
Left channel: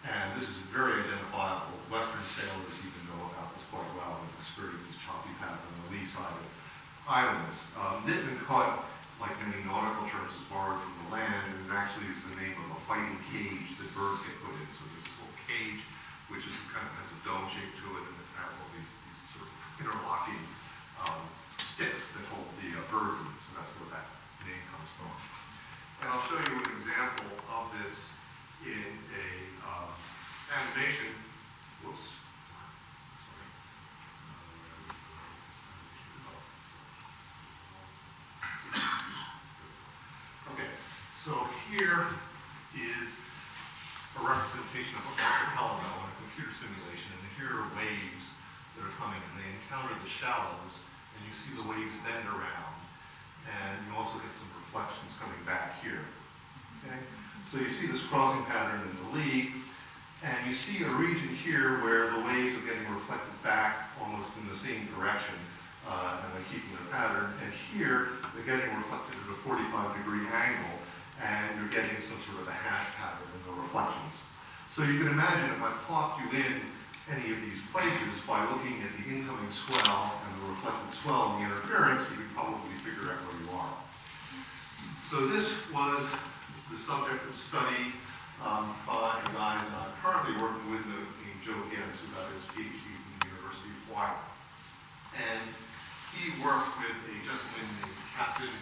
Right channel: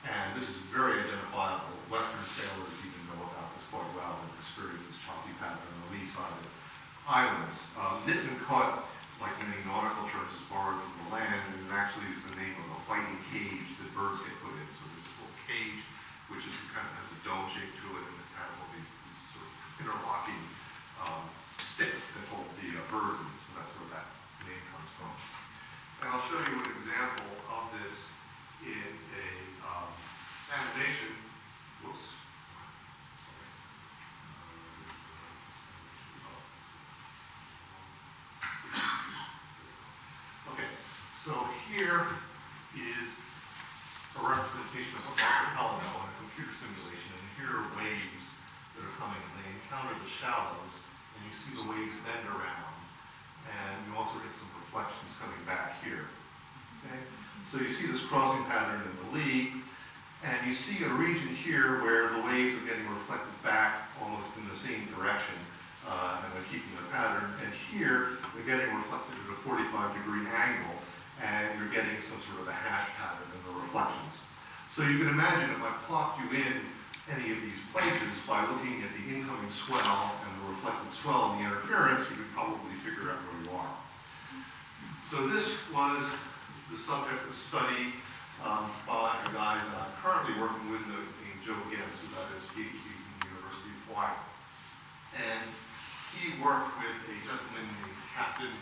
And this is very identifiable. Western sailors even know about this quite well and experience this choppy pattern on the lee side of islands. Nitin Koi, like many nautical terms, is borrowed from the land, and it actually is the name of a fighting cage that birds get put in. So there's this little cage which is kind of has a dome shape to it, and it has all these sort of interlocking sticks that hold the birds in. So that's where that name comes from. And I'll show you an example of this in a animation. Whoops. Sorry. Okay, so here is a representation of an archipelago in a computer simulation, and here are waves that are coming, and they encounter the shallows, and you see the waves bend around, and you also get some reflections coming back here. Okay, so you see this crossing pattern in the lee, and you see a region here where the waves are getting reflected back almost in the same direction, and they're keeping the pattern. And here, they're getting reflected at a 45-degree angle, and you're getting some sort of a hash pattern in the reflections. So you can imagine if I plopped you in any of these places by looking at the incoming swell and the reflected swell and the interference, you could probably figure out where you are. So this was the subject of study by a guy that I'm currently working with named Joe Huth, who got his PhD from the University of Hawaii. And he worked with a gentleman named Captain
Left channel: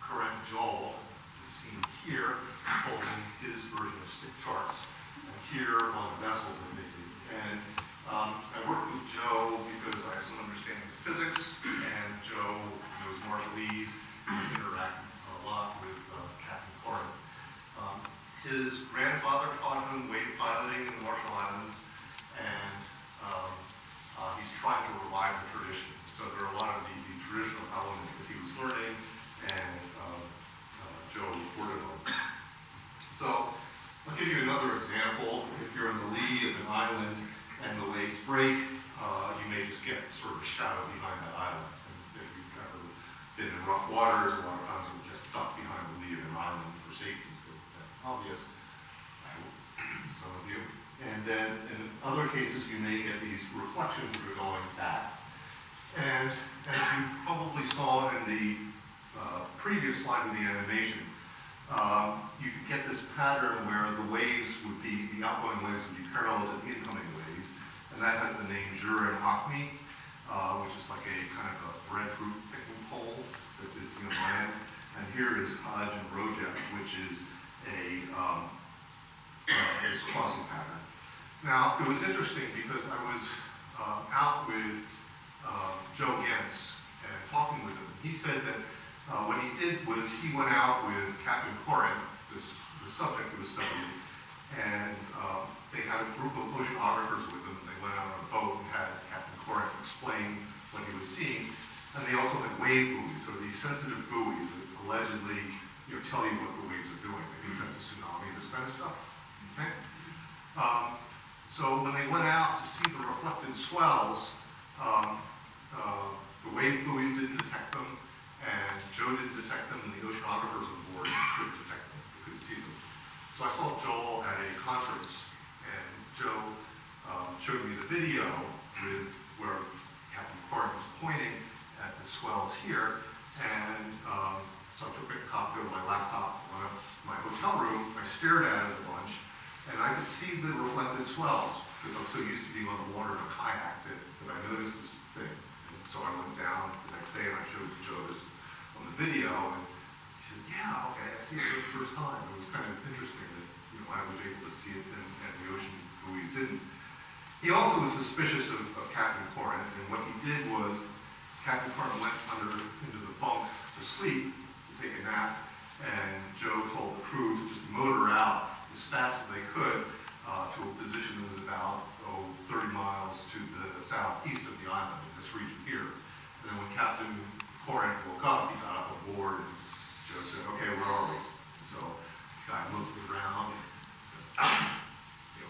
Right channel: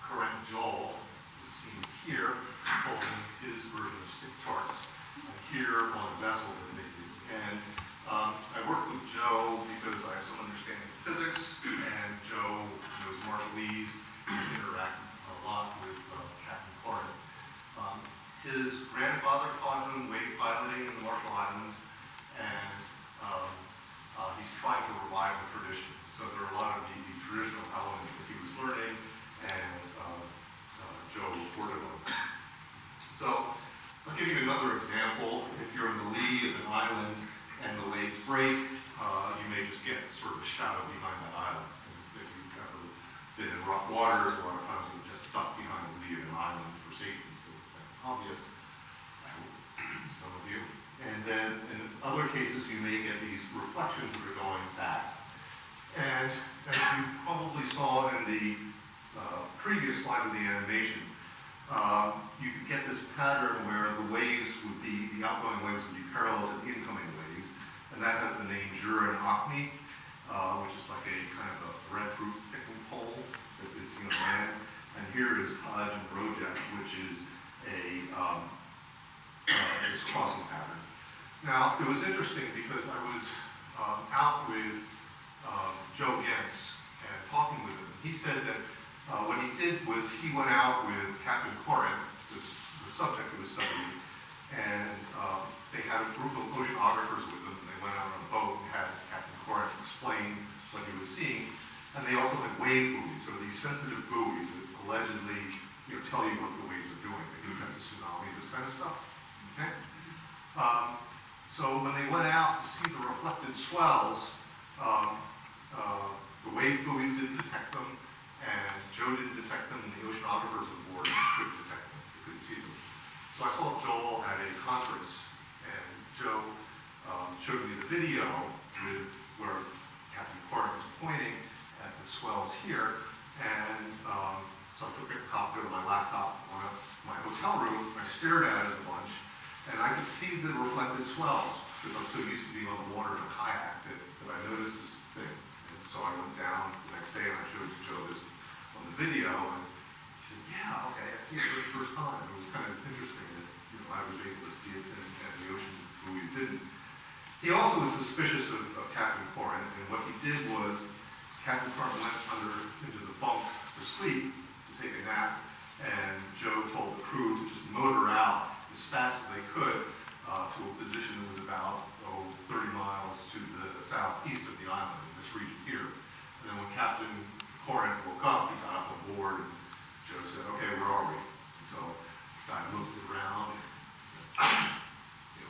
Corinne Joel, who's seen here, holding his version of stick charts, and here on a vessel that they did. And I worked with Joe because I have some understanding of physics, and Joe knows Marshallese, and interacted a lot with Captain Corinne. His grandfather taught him wave piloting in the Marshall Islands, and he's trying to revive the tradition. So there are a lot of the traditional elements that he was learning, and Joe reported on. So I'll give you another example. If you're in the lee of an island and the waves break, you may just get sort of a shadow behind that island. And if you've ever been in rough waters, a lot of times you'll just duck behind the lee of an island for safety. So that's obvious, I hope, some of you. And then in other cases, you may get these reflections that are going back. And as you probably saw in the previous slide of the animation, you could get this pattern where the waves would be, the outgoing waves would be parallel to the incoming waves, and that has the name Jura and Acme, which is like a kind of a breadfruit picking pole that is seen on land. And here is Kaj and Rojek, which is a crossing pattern. Now, it was interesting because I was out with Joe Gentz and talking with him. He said that what he did was he went out with Captain Corinne, the subject of his study, and they had a group of oceanographers with them. They went out on a boat and had Captain Corinne explain what he was seeing. And they also had wave buoys, so these sensitive buoys that allegedly tell you what the waves are doing. They can sense a tsunami, this kind of stuff. Okay? So when they went out to see the reflected swells, the wave buoys didn't detect them, and Joe didn't detect them, and the oceanographers on board couldn't detect them. They couldn't see them. So I saw Joel at a conference, and Joe showed me the video with where Captain Corinne was pointing at the swells here, and so I took a copy of my laptop in my hotel room. I stared at it a bunch, and I could see the reflected swells because I'm so used to being on the water in a kayak that I noticed this thing. And so I went down the next day and I showed Joe this on the video, and he said, "Yeah, okay, I see it for the first time." It was kind of interesting that I was able to see it and the ocean buoys didn't. He also was suspicious of Captain Corinne, and what he did was Captain Corinne went into the bunk to sleep, to take a nap, and Joe told the crew to just motor out as fast as they could to a position that was about 30 miles to the southeast of the island, in this region here. And then when Captain Corinne woke up, he got up on board, and Joe said, "Okay, where are we?" And so the guy moved around and said,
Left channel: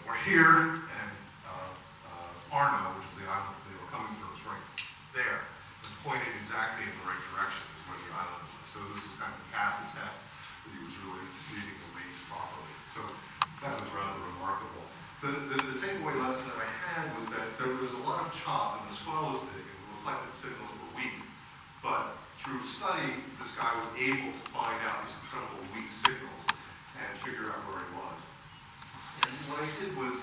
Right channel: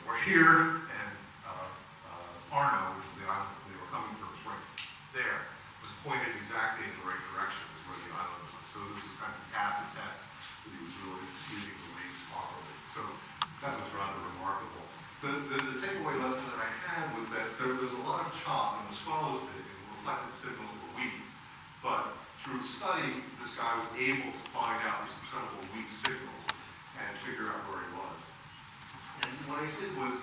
"We're here," and Arno, which is the island that they were coming from, was right there, was pointed exactly in the right direction as where the island was. So this is kind of the acid test that he was really reading the waves properly. So that was rather remarkable. The takeaway lesson that I had was that there was a lot of chop, and the swell was big, and the reflected signals were weak. But through study, this guy was able to find out these incredible weak signals and figure out where he was. And what I did was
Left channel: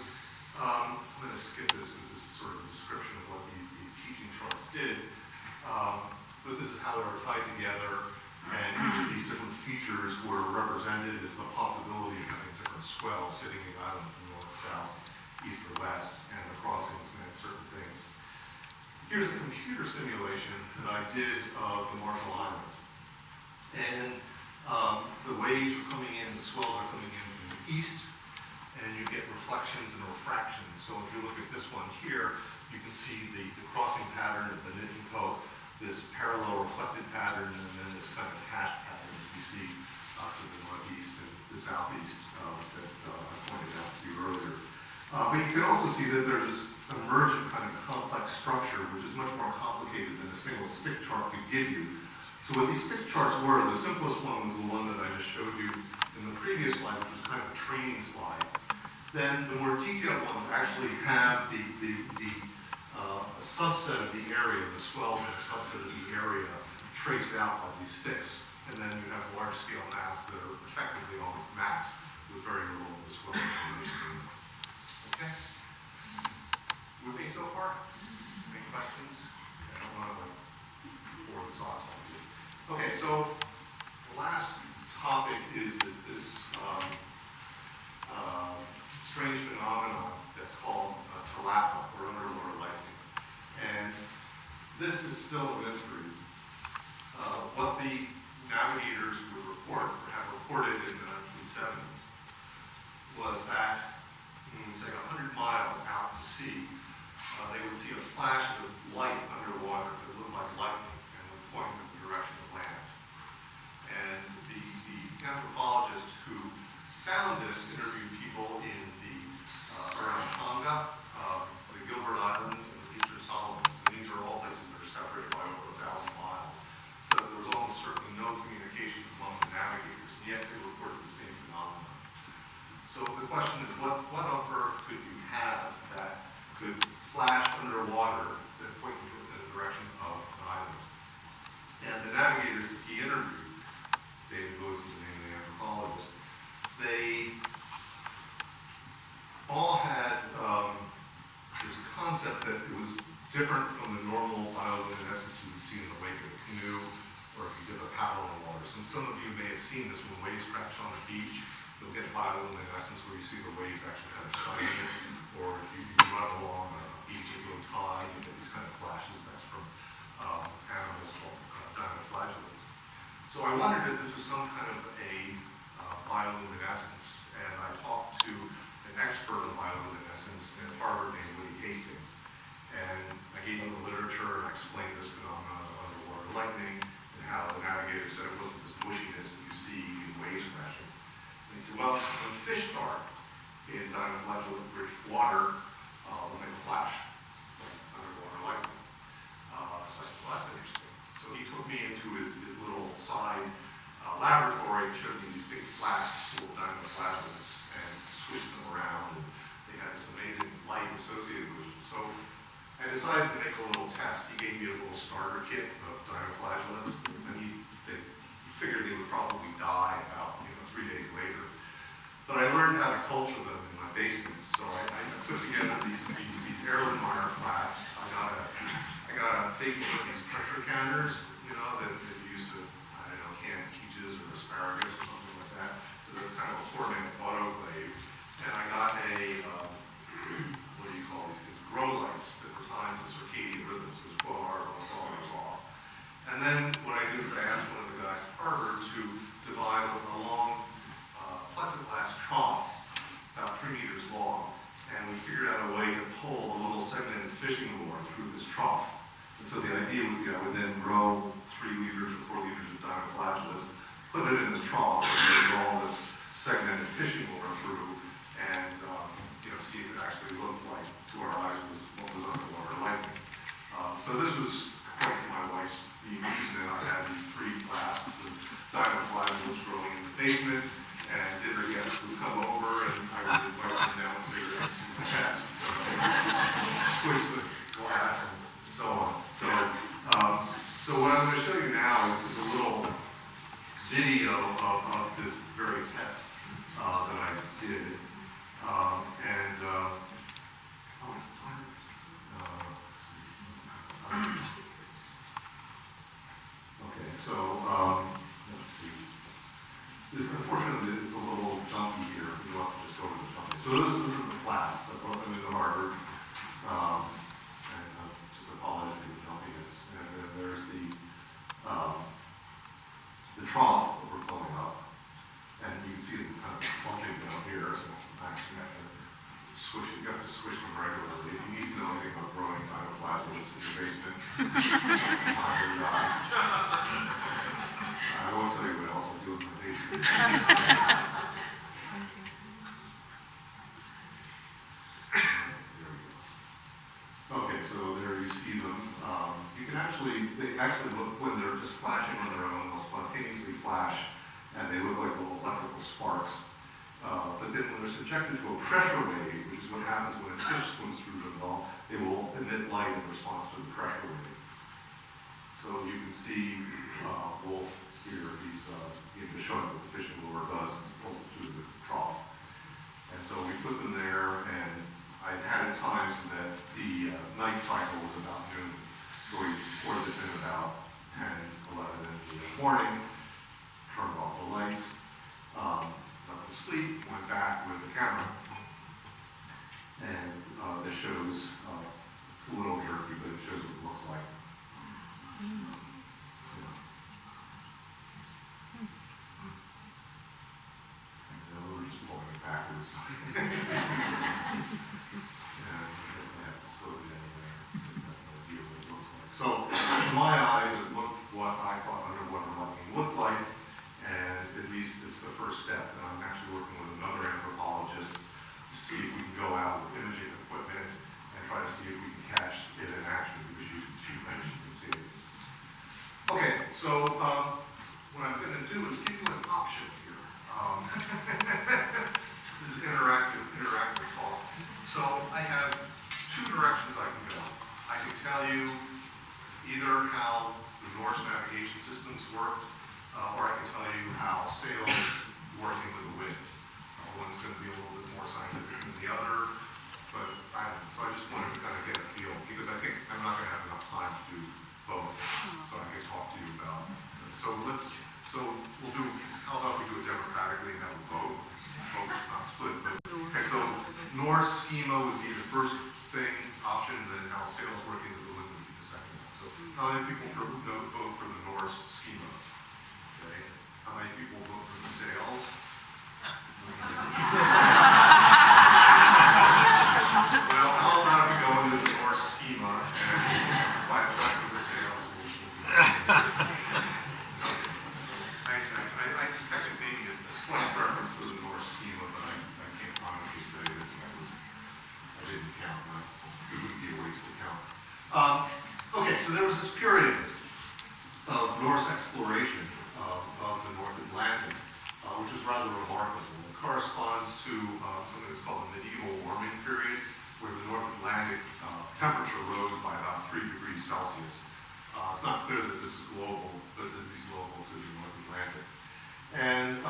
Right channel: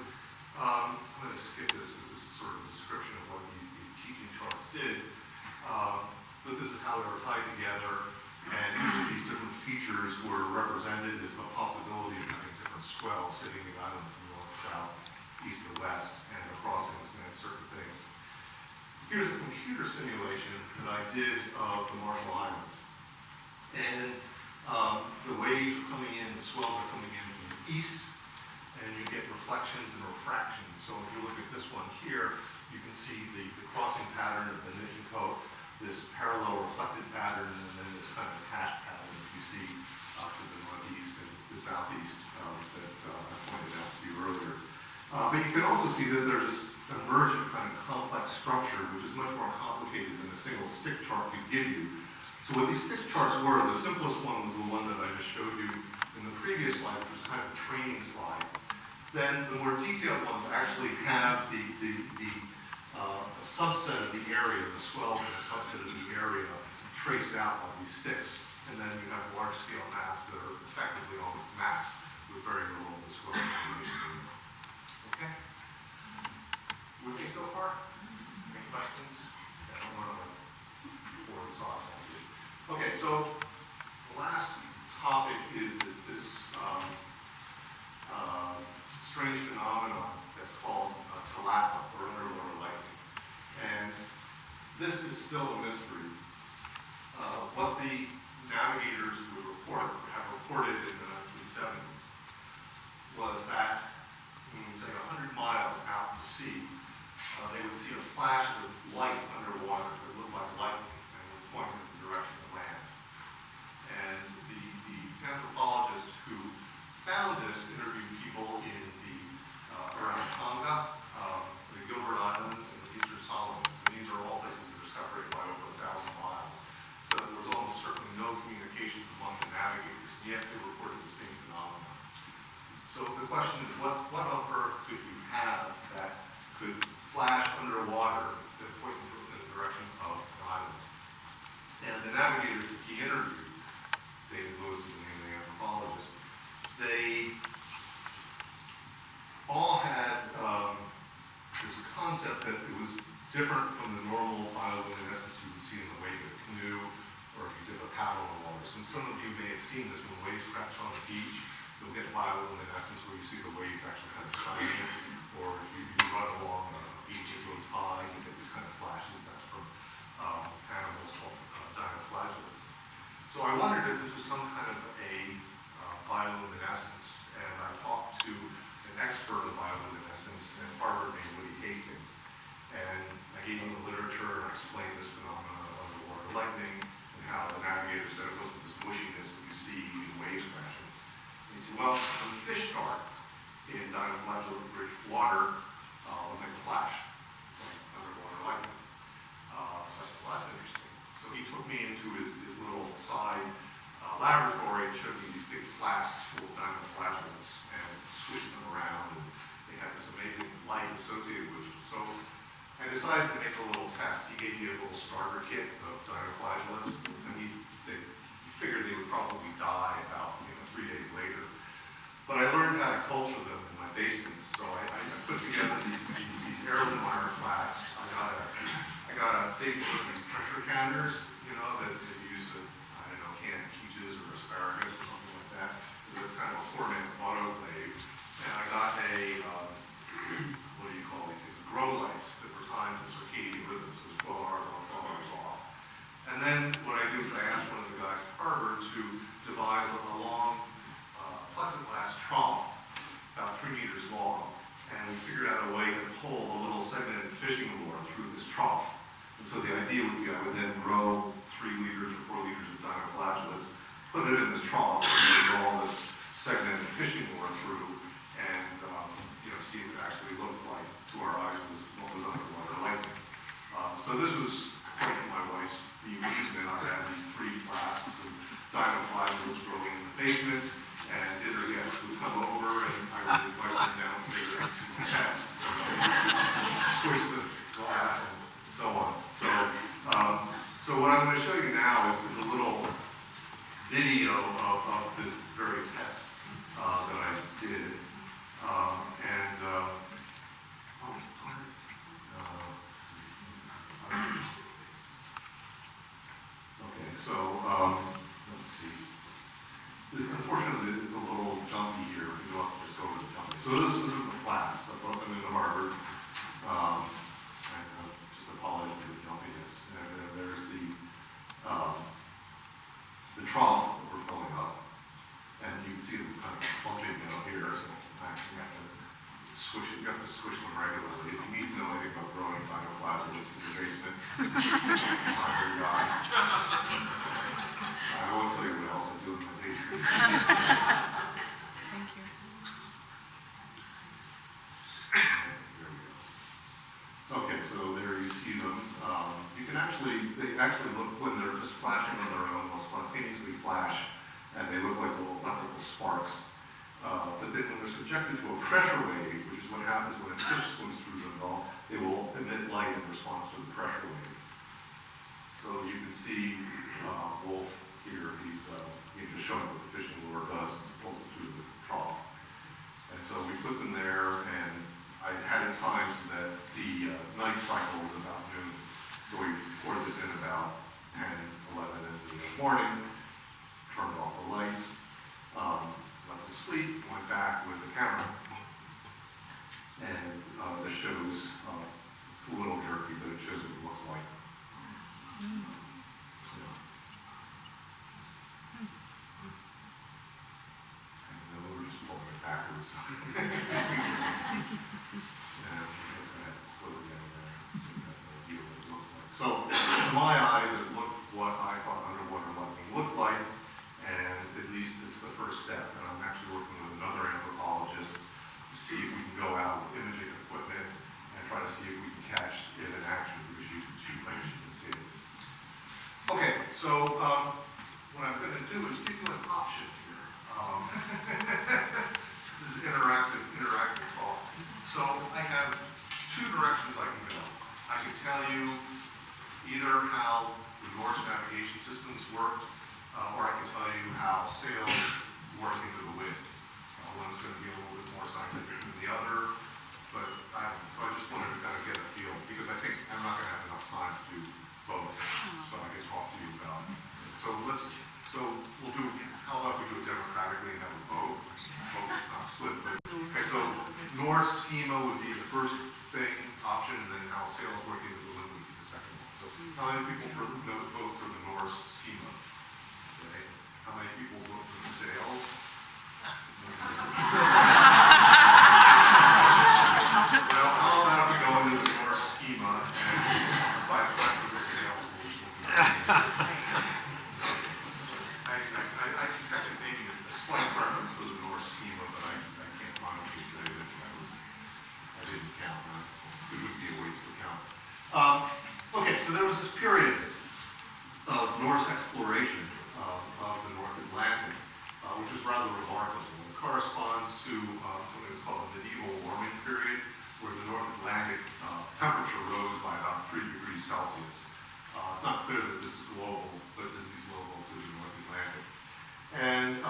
I'm going to skip this because this is sort of a description of what these teaching charts did. But this is how they were tied together, and each of these different features were represented as the possibility of having different swells hitting the island from north, south, east, or west, and the crossings meant certain things. Here's a computer simulation that I did of the Marshall Islands. And the waves are coming in, the swells are coming in from the east, and you get reflections and refractions. So if you look at this one here, you can see the crossing pattern of the knit and coat, this parallel reflected pattern, and then this kind of hash pattern that you see up to the northeast and the southeast that I pointed out to you earlier. But you can also see that there's this emergent kind of complex structure, which is much more complicated than a single stick chart could give you. So what these stick charts were, the simplest one was the one that I just showed you in the previous slide, which was kind of a training slide. Then the more detailed ones actually have a subset of the area, the swells in a subset of the area traced out by these sticks. And then you have large-scale maps that are effectively almost maps with very little of the swell information. Okay? With me so far? Any questions? I don't want to pour the sauce on you. Okay, so the last topic is this strange phenomenon that's called tilapia, or underwater lightning. And this is still a mystery. What the navigators would report, or have reported in the 1970s, was that, say 100 miles out to sea, they would see a flash of light underwater that looked like lightning and would point in the direction of land. And the anthropologist who found this interviewed people in around Tonga, the Gilbert Islands, and the Eastern Solomons. And these are all places that are separated by over 1,000 miles. So there was almost certainly no communication among the navigators, and yet they reported the same phenomenon. So the question is, what on earth could you have that could flash underwater that point in the direction of an island? And the navigators that he interviewed, David Lewis is the name of the anthropologist, they all had this concept that it was different from the normal bioluminescence you would see in the wake of a canoe, or if you did a paddle in the water. So some of you may have seen this when waves crash on the beach. You'll get bioluminescence where you see the waves actually kind of shining, or if you run along a beach as low tide, you get these kind of flashes. That's from animals called dinoflagellates. So I wondered if this was some kind of a bioluminescence, and I talked to an expert in bioluminescence at Harvard named Woody Hastings. And I gave him the literature and I explained this phenomenon of underwater lightning and how the navigator said it wasn't this bushiness that you see in waves crashing. And he said, well, when fish start in dinoflagellate-rich water, will make a flash, like underwater lightning. So I said, well, that's interesting. So he took me into his little side laboratory and showed me these big flasks full of dinoflagellates and squished them around, and they had this amazing light associated with them. So I decided to make a little test. He gave me a little starter kit of dinoflagellates, and he figured they would probably die about 3 days later. But I learned how to culture them in my basement, so I put together these Erlenmeyer flasks. I got a big one of these pressure counters, that you used to, can peaches or asparagus or something like that. They're kind of a 4-man's autoclave. And I got a, what do you call these things? Grow lights that were timed to circadian rhythms. So it was 12 hours on, 12 hours off. And then what I do is I asked one of the guys at Harvard to devise a long plexiglass trough, about 3 meters long. And we figured out a way to pull a little segmented fishing lure through this trough. And so the idea would be I would then grow 3 liters or 4 liters of dinoflagellates, put it in this trough, and draw this segmented fishing lure through, and see if it actually looked like, to our eyes, what was underwater lightning. So this was, according to my wife's amusement, I had these 3 flasks of dinoflagellates growing in the basement, and dinner guests would come over, and I would invite them downstairs to see the test, squish the glass, and so on. So what I'm going to show you now is a little video of this very test that I did. Okay, so let's see. This unfortunately is a little jumpy here. You'll have to just go over the jumpy. So this is the class. I brought them into Harvard. And just apologize for the jumpiness. And then there's the trough that we're filling up. And you can see them kind of plunging down here. So sometimes you have to switch it. You have to switch them regularly. If you need to know anything about growing dinoflagellates in your basement, find your guy. I won't tell you what else I do in my basement. Okay, so there you see them. You can they actually look, when they're just flashing on their own, they'll spontaneously flash, and they look like little electrical sparks. But then when they're subjected to a pressure wave, which is what happens when a fish swims through them, they will emit light in response to the pressure wave. So you can see Wolf here, he's just showing what the fishing lure does, pulls it through the trough. And so we put them there, and I had at times that the night cycle was about noon. So we poured this in about 10, 11 in the morning, turned off the lights, let them sleep, went back with the camera. And this shows, it's a little jerky, but it shows what it looks like. We're just pulling it backwards. And I guess I have to slow it down there so you have no idea what it looks like. So, in my eyes, it looked what I thought underwater mugging looked like, and at least it's the first step. And I'm actually working with another anthropologist to see if we can go out with imaging equipment and try to see if we can catch it in action, because you can see it. Okay, so what I'm going to do is give you an option here. This is interactive talk. So I have two directions I can go. I can tell you either how the Norse navigation systems worked, or I can tell you how sails work into the wind. One's going to be a little bit more scientific than the other, but so I just wanted to kind of get a feel, because I think I'm not going to have enough time to do both, so I can talk to you about it. So we'll do, how about we do it democratically and have a vote? Vote, it's not split, but, okay, so Norse schema would be the first option, and then how sails work into the wind would be the second one. So how many people vote for the Norse schema? Okay. How many people vote for the sails? Well, how about if we go into the Norse schema and fight for the sails? I detected maybe a slight preference for the Norse schema, but I can't honestly say that I didn't count. It would be a waste to count. Okay, so there was this period of Norse exploration of the North Atlantic, which was rather remarkable. It corresponds to something that's called the medieval warming period, where the North Atlantic temperature rose by about 3 degrees Celsius. It's not clear that this is global, but it is global to the North Atlantic. And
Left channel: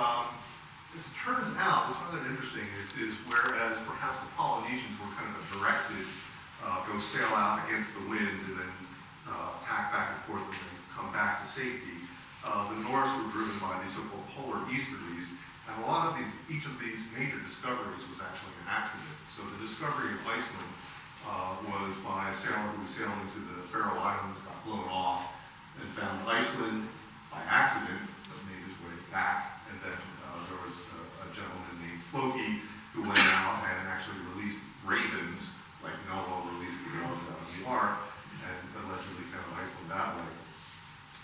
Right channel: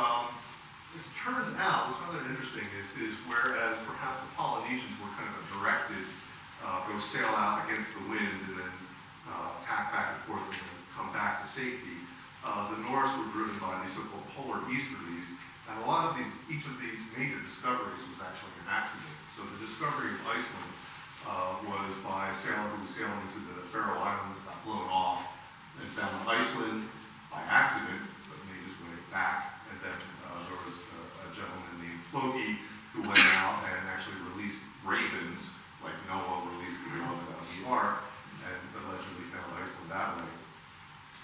this turns out, what's rather interesting is whereas perhaps the Polynesians were kind of directed, go sail out against the wind and then tack back and forth and then come back to safety, the Norse were driven by these so-called polar easterlies. And a lot of each of these major discoveries was actually an accident. So the discovery of Iceland was by a sailor who was sailing into the Faroe Islands, got blown off, and found Iceland by accident, but made his way back. And then there was a gentleman named Floki who went out and actually released ravens, like Noah released the doves out of the ark, and allegedly found Iceland that way.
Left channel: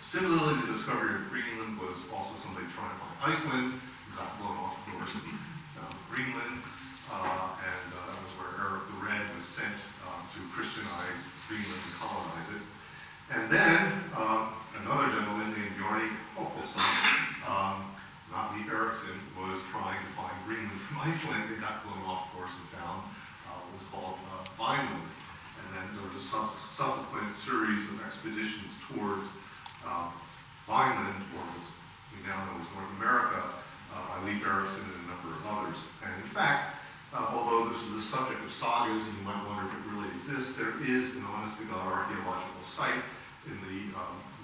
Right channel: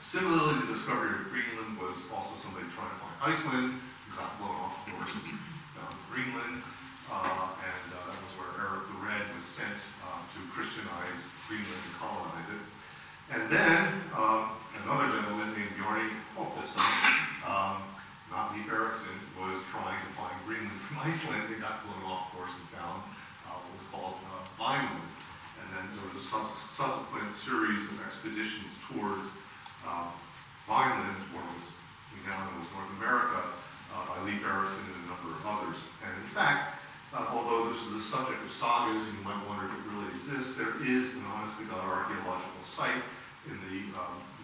Similarly, the discovery of Greenland was also somebody trying to find Iceland, who got blown off, of course, and found Greenland, and that was where Eric the Red was sent to Christianize Greenland and colonize it. And then another gentleman named Bjarni Hofsson, not Leif Erikson, was trying to find Greenland from Iceland. They got blown off, of course, and found what was called Vineland. And then there was a subsequent series of expeditions towards Vineland, or what we now know as North America, by Leif Erikson and a number of others. And in fact, although this is the subject of sagas, and you might wonder if it this, there is an honest-to-God archaeological site in the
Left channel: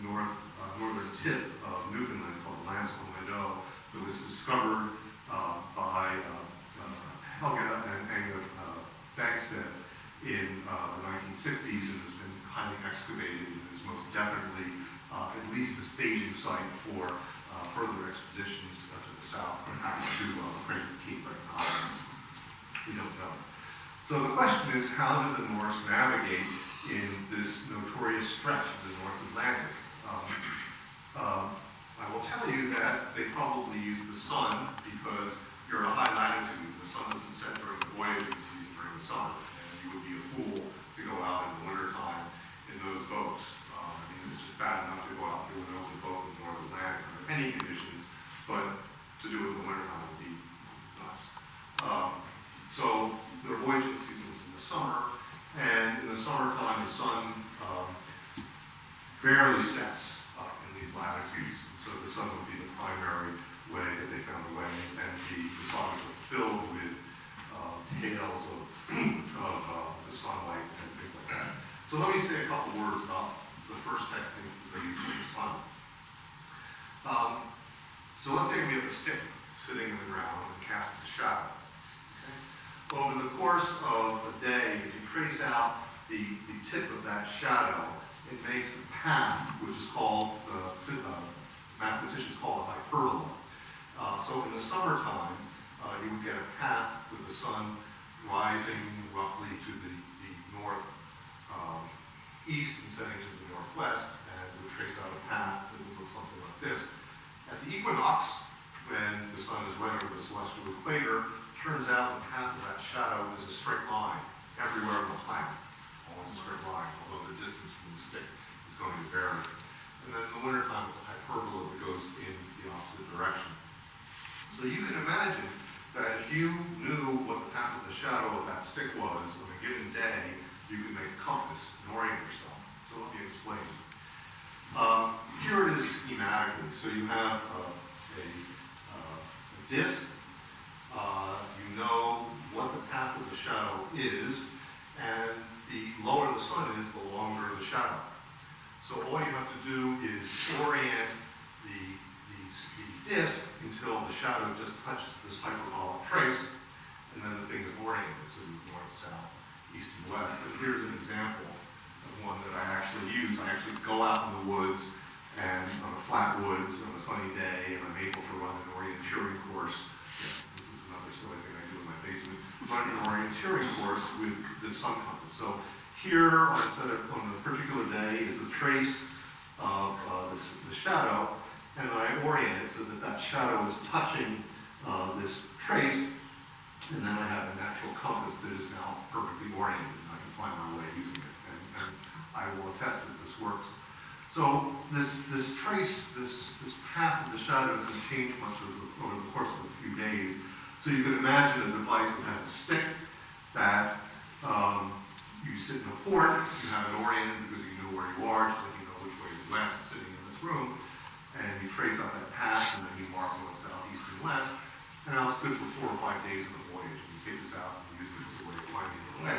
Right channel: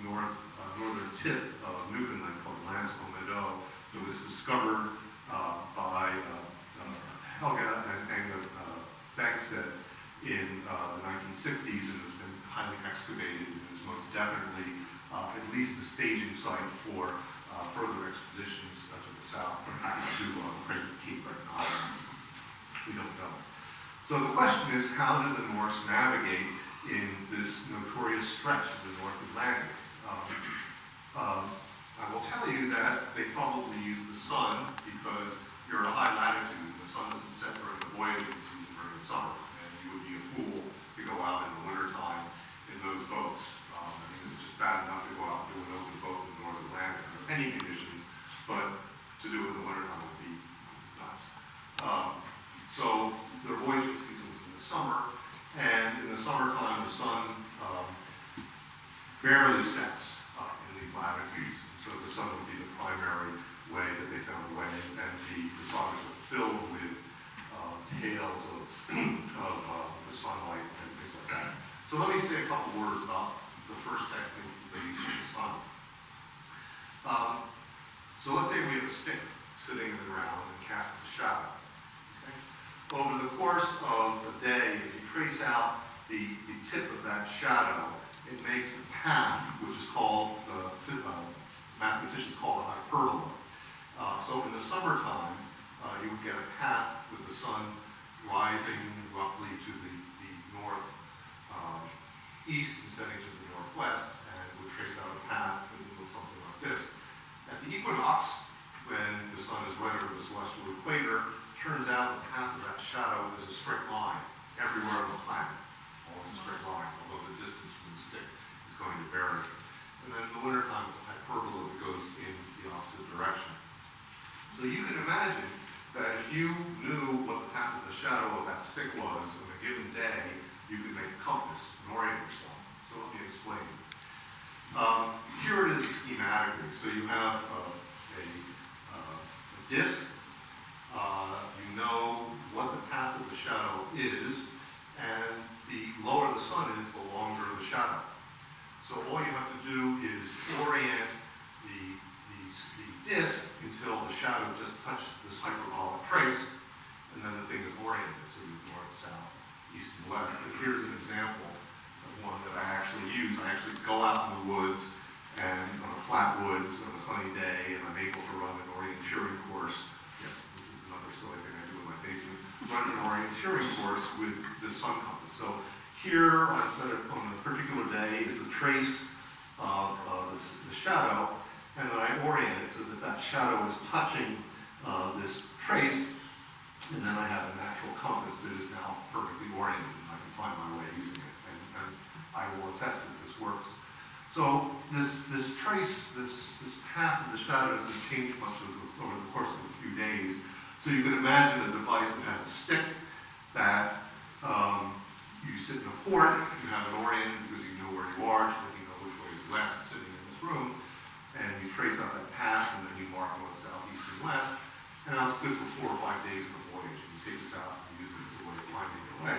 northern tip of Newfoundland called Lansquenet Meadow that was discovered by Helga and Anga Bagstead in the 1960s and has been highly excavated and is most definitely at least a staging site for further expeditions to the south, perhaps to Crater Keep, but not. We don't know. So the question is, how did the Norse navigate in this notorious stretch of the North Atlantic? I will tell you that they probably used the sun because you're at a high latitude. The sun doesn't set during the voyaging season during the summer, and you would be a fool to go out in the wintertime in those boats. I mean, it's just bad enough to go out and do an open boat in the North Atlantic under any conditions, but to do it in the wintertime would be nuts. So their voyaging season was in the summer, and in the summertime the sun barely sets in these latitudes. So the sun would be the primary way that they found a way, and the songs were filled with tales of the sunlight and things like that. So let me say a couple words about the first technique that they used for the sun. So let's say we have a stick sitting in the ground and casts a shadow. Okay? Over the course of a day, if you trace out the tip of that shadow, it makes a path, which is called, mathematicians call it hyperbola. So in the summertime, you would get a path with the sun rising roughly to the northeast and setting to the northwest, and would trace out a path that would look something like this. At the equinox, when the sun is weathering the celestial equator, turns out the path of that shadow is a straight line everywhere on the planet. Always a straight line, although the distance from the stick is going to vary. And then in the wintertime, it's a hyperbola that goes in the opposite direction. So you can imagine that if you knew what the path of the shadow of that stick was on a given day, you could make a compass and orient yourself. So let me explain. Here it is schematically. So you have a disk. You know what the path of the shadow is, and the lower the sun is, the longer the shadow. So all you have to do is orient the disk until the shadow just touches this hyperbolic trace, and then the thing is oriented, so north, south, east, and west. But here's an example of one that I actually use. I actually go out in the woods, and on a flat woods on a sunny day, and I'm able to run an orienteering course. Yes, this is another silly thing I do in my basement. Run an orienteering course with the sun compass. So here, on a particular day, is the trace of the shadow, and then I orient it so that that shadow is touching this trace, and then I have a natural compass that is now perfectly oriented, and I can find my way using it, and I will attest that this works. So this trace, this path of the shadow doesn't change much over the course of a few days. So you can imagine a device that has a stick that you sit in a port, you have it oriented because you know where you are, just like you know which way is west sitting in this room, and you trace out that path, and then you mark north, south, east, and west, and now it's good for 4 or 5 days of the voyage, and you take this out and use it as a way of finding your way.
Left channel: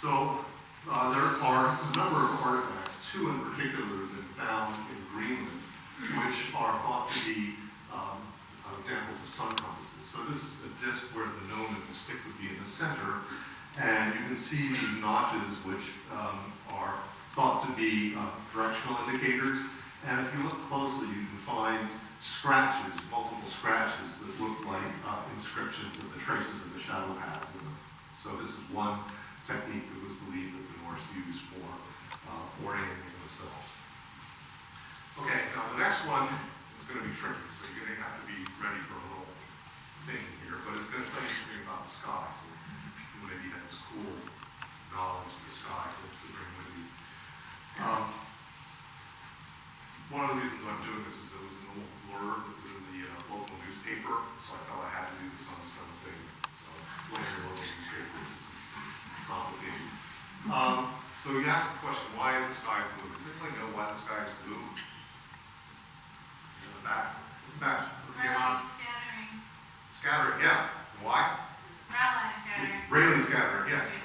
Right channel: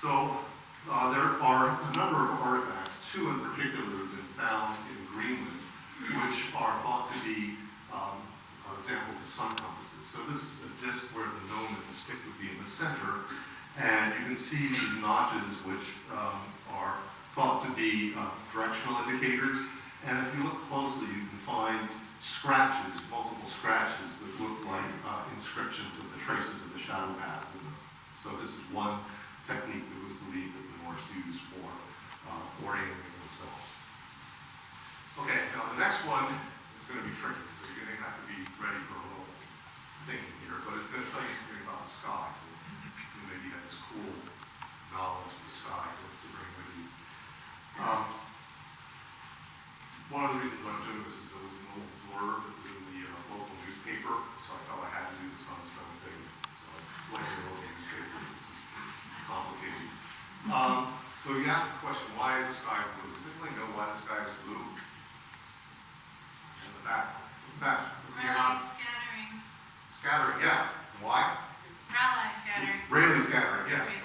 So there are a number of artifacts, 2 in particular that have been found in Greenland, which are thought to be examples of sun compasses. So this is a disc where the node of the stick would be in the center, and you can see these notches which are thought to be directional indicators. And if you look closely, you can find scratches, multiple scratches that look like inscriptions of the traces of the shadow paths in them. So this is one technique that was believed that the Norse used for orienting themselves. Okay, now the next one is going to be tricky, so you're going to have to be ready for a little thing here, but it's going to tell you something about the sky, so you maybe have this cool knowledge of the sky to bring with you. One of the reasons I'm doing this is there was an old blurb that was in the local newspaper, so I felt I had to do the sunstone thing. So I'm blaming the local newspaper. This is complicated. So you asked the question, why is the sky blue? Does anybody know why the sky is blue? In the back. What's the answer? Scattering. Scattering, yeah. Why? Rayleigh scattering. Rayleigh scattering, yes. Okay.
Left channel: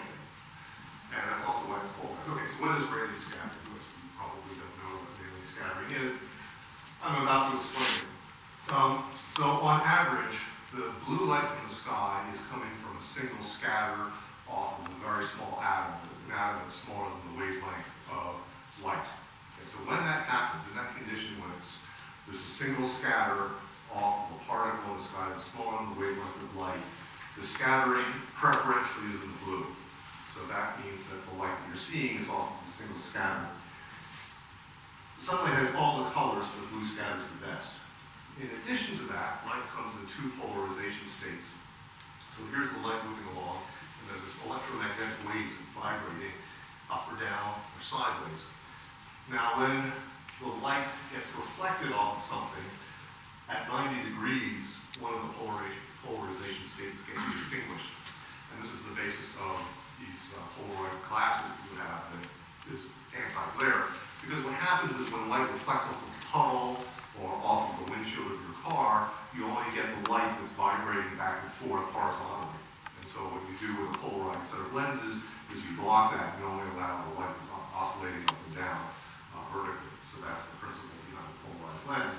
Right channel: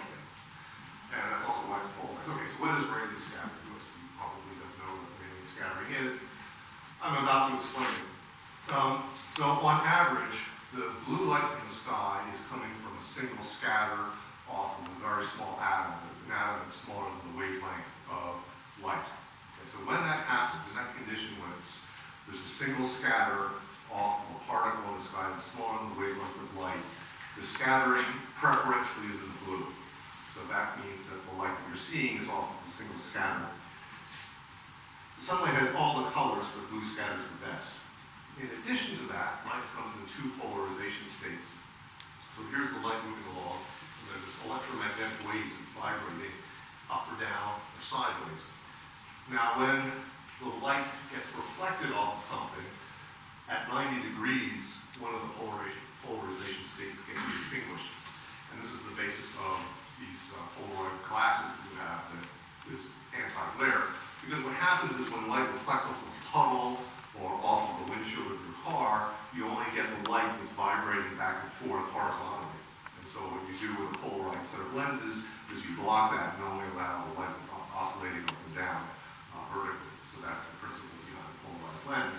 So on average, the blue light from the sky is coming from a single scatter off of a very small atom, an atom that's smaller than the wavelength of light. And so when that happens, in that condition when there's a single scatter off of a particle in the sky that's smaller than the wavelength of light, the scattering preferentially is in the blue. So that means that the light that you're seeing is off of a single scatter. The sunlight has all the colors, but blue scatters the best. In addition to that, light comes in two polarization states. So here's the light moving along, and there's this electromagnetic waves vibrating up or down or sideways. Now when the light gets reflected off of something, at 90 degrees, one of the polarization states gets extinguished. And this is the basis of these Polaroid glasses that you have that is anti-glare. Because what happens is when light reflects off of a puddle or off of the windshield of your car, you only get the light that's vibrating back and forth horizontally. And so what you do with a polarized set of lenses is you block that and only allow the light that's oscillating up and down vertically. So that's the principle behind the polarized lens.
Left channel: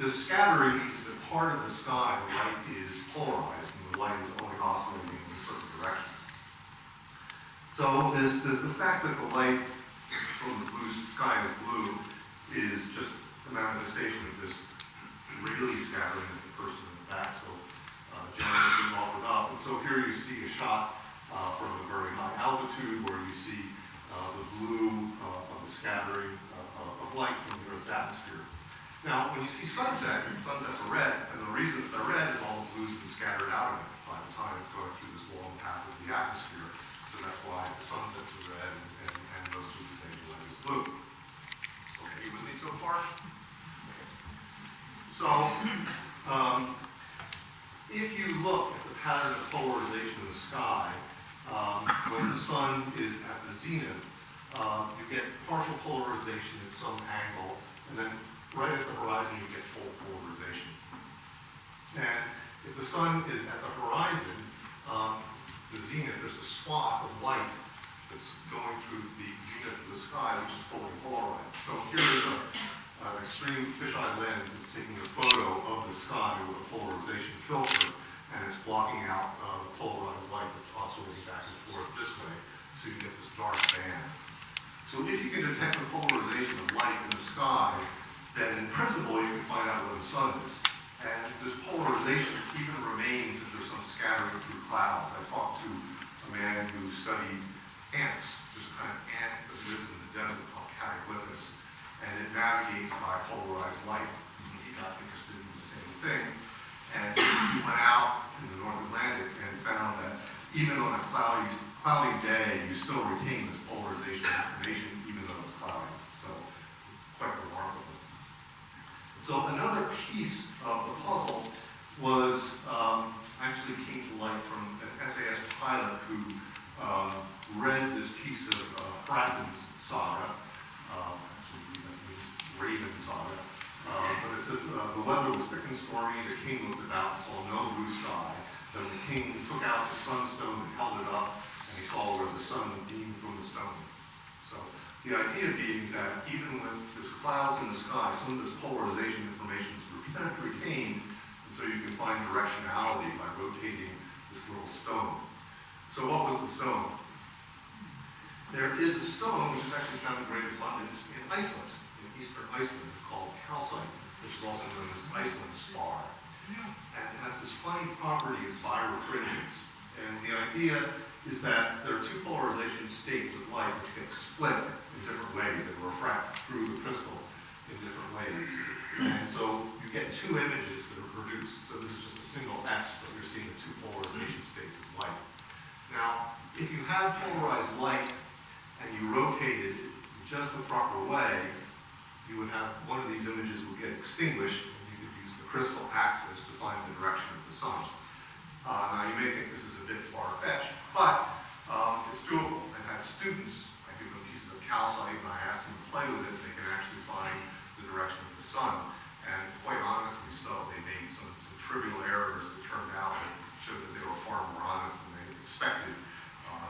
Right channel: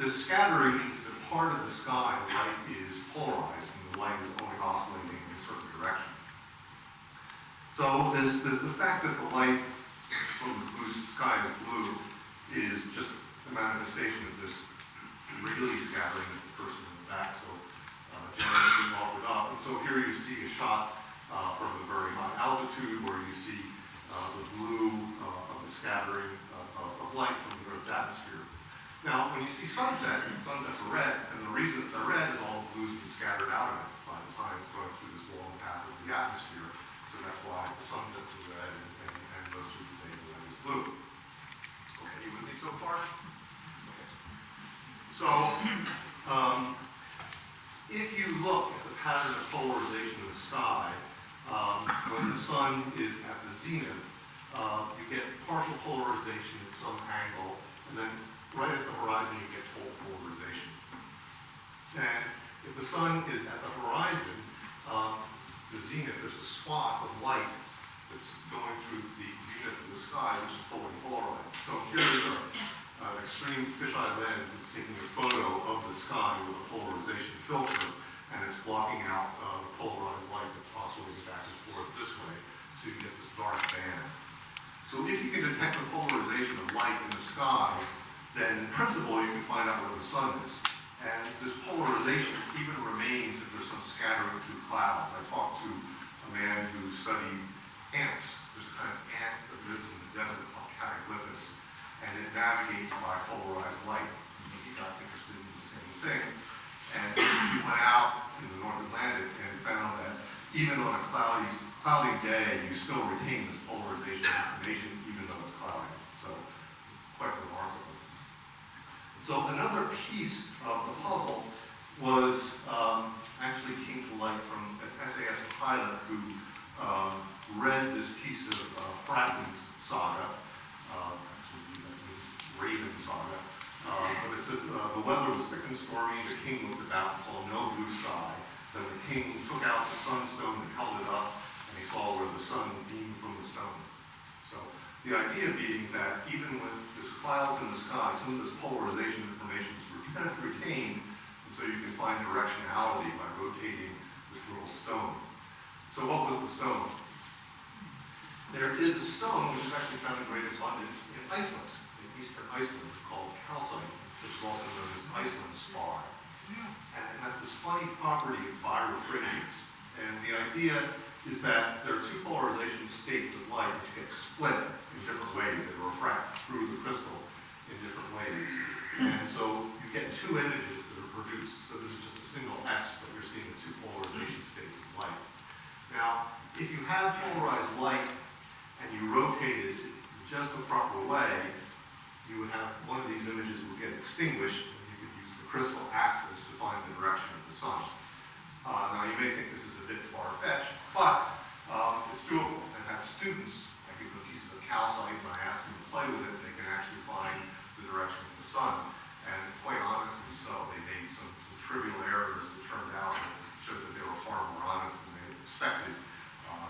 The scattering means that part of the sky, the light is polarized, and the light is only oscillating in a certain direction. So there's the fact that the light from the blue sky is blue is just a manifestation of this really scattering as the person in the back so generously offered up. And so here you see a shot from a very high altitude where you see the blue of the scattering of light from the Earth's atmosphere. Now, when you see sunsets are red, and the reason that they're red is all the blue's been scattered out of it by the time it's going through this long path of the atmosphere. So that's why the sunsets are red and those are the things that is blue. Okay, you with me so far? Okay. So, if you look at the pattern of polarization in the sky, when the sun is at the zenith, you get partial polarization at some angle, and then right at the horizon you get full polarization. And if the sun is at the horizon, the zenith, there's a swath of light that's going through the zenith of the sky, which is fully polarized. So here is an extreme fisheye lens that's taking a photo of the sky with a polarization filter, and it's blocking out polarized light that's oscillating back and forth this way, so you get this dark band. So if you can detect the polarization of light in the sky, then in principle you can find out where the sun is. And this polarization even remains if there's some scattering through clouds. I talked to a man who studied ants. There's a kind of ant that lives in the desert called Cataglyphus, and it navigates by polarized light. So he got interested in the same thing. And he went out in the North Atlantic and found that even on a cloudy day, you still retain this polarization information even though it's cloudy. So quite remarkable. So another piece of the puzzle was actually came to light from an SAS pilot who read this piece of Fratton's saga, actually that means Raven saga, but it says the weather was thick and stormy, the king looked about and saw no blue sky, so the king took out the sunstone and held it up, and he saw where the sun beamed from the stone. So the idea being that even when there's clouds in the sky, some of this polarization information is retained, and so you can find directionality by rotating this little stone. So what was the stone? There is a stone which is actually found in great abundance in Iceland, in eastern Iceland, called calcite, which is also known as Iceland spar. And it has this funny property of birefringence. And the idea is that there are two polarization states of light which get split in different ways. They refract through the crystal in different ways. And so you get two images that are produced. So this is just a single X, but you're seeing the two polarization states of light. Now, if you have polarized light and you rotate it just the proper way, you would have one of these images would get extinguished, and you could use the crystal axis to find the direction of the sun. Now, you may think this is a bit far-fetched, but it's doable. I've had students, I give them pieces of calcite, and I ask them to play with it, and they can actually find the direction of the sun. And quite honestly so, they made some trivial errors that turned out that showed that they were far more honest than they expected.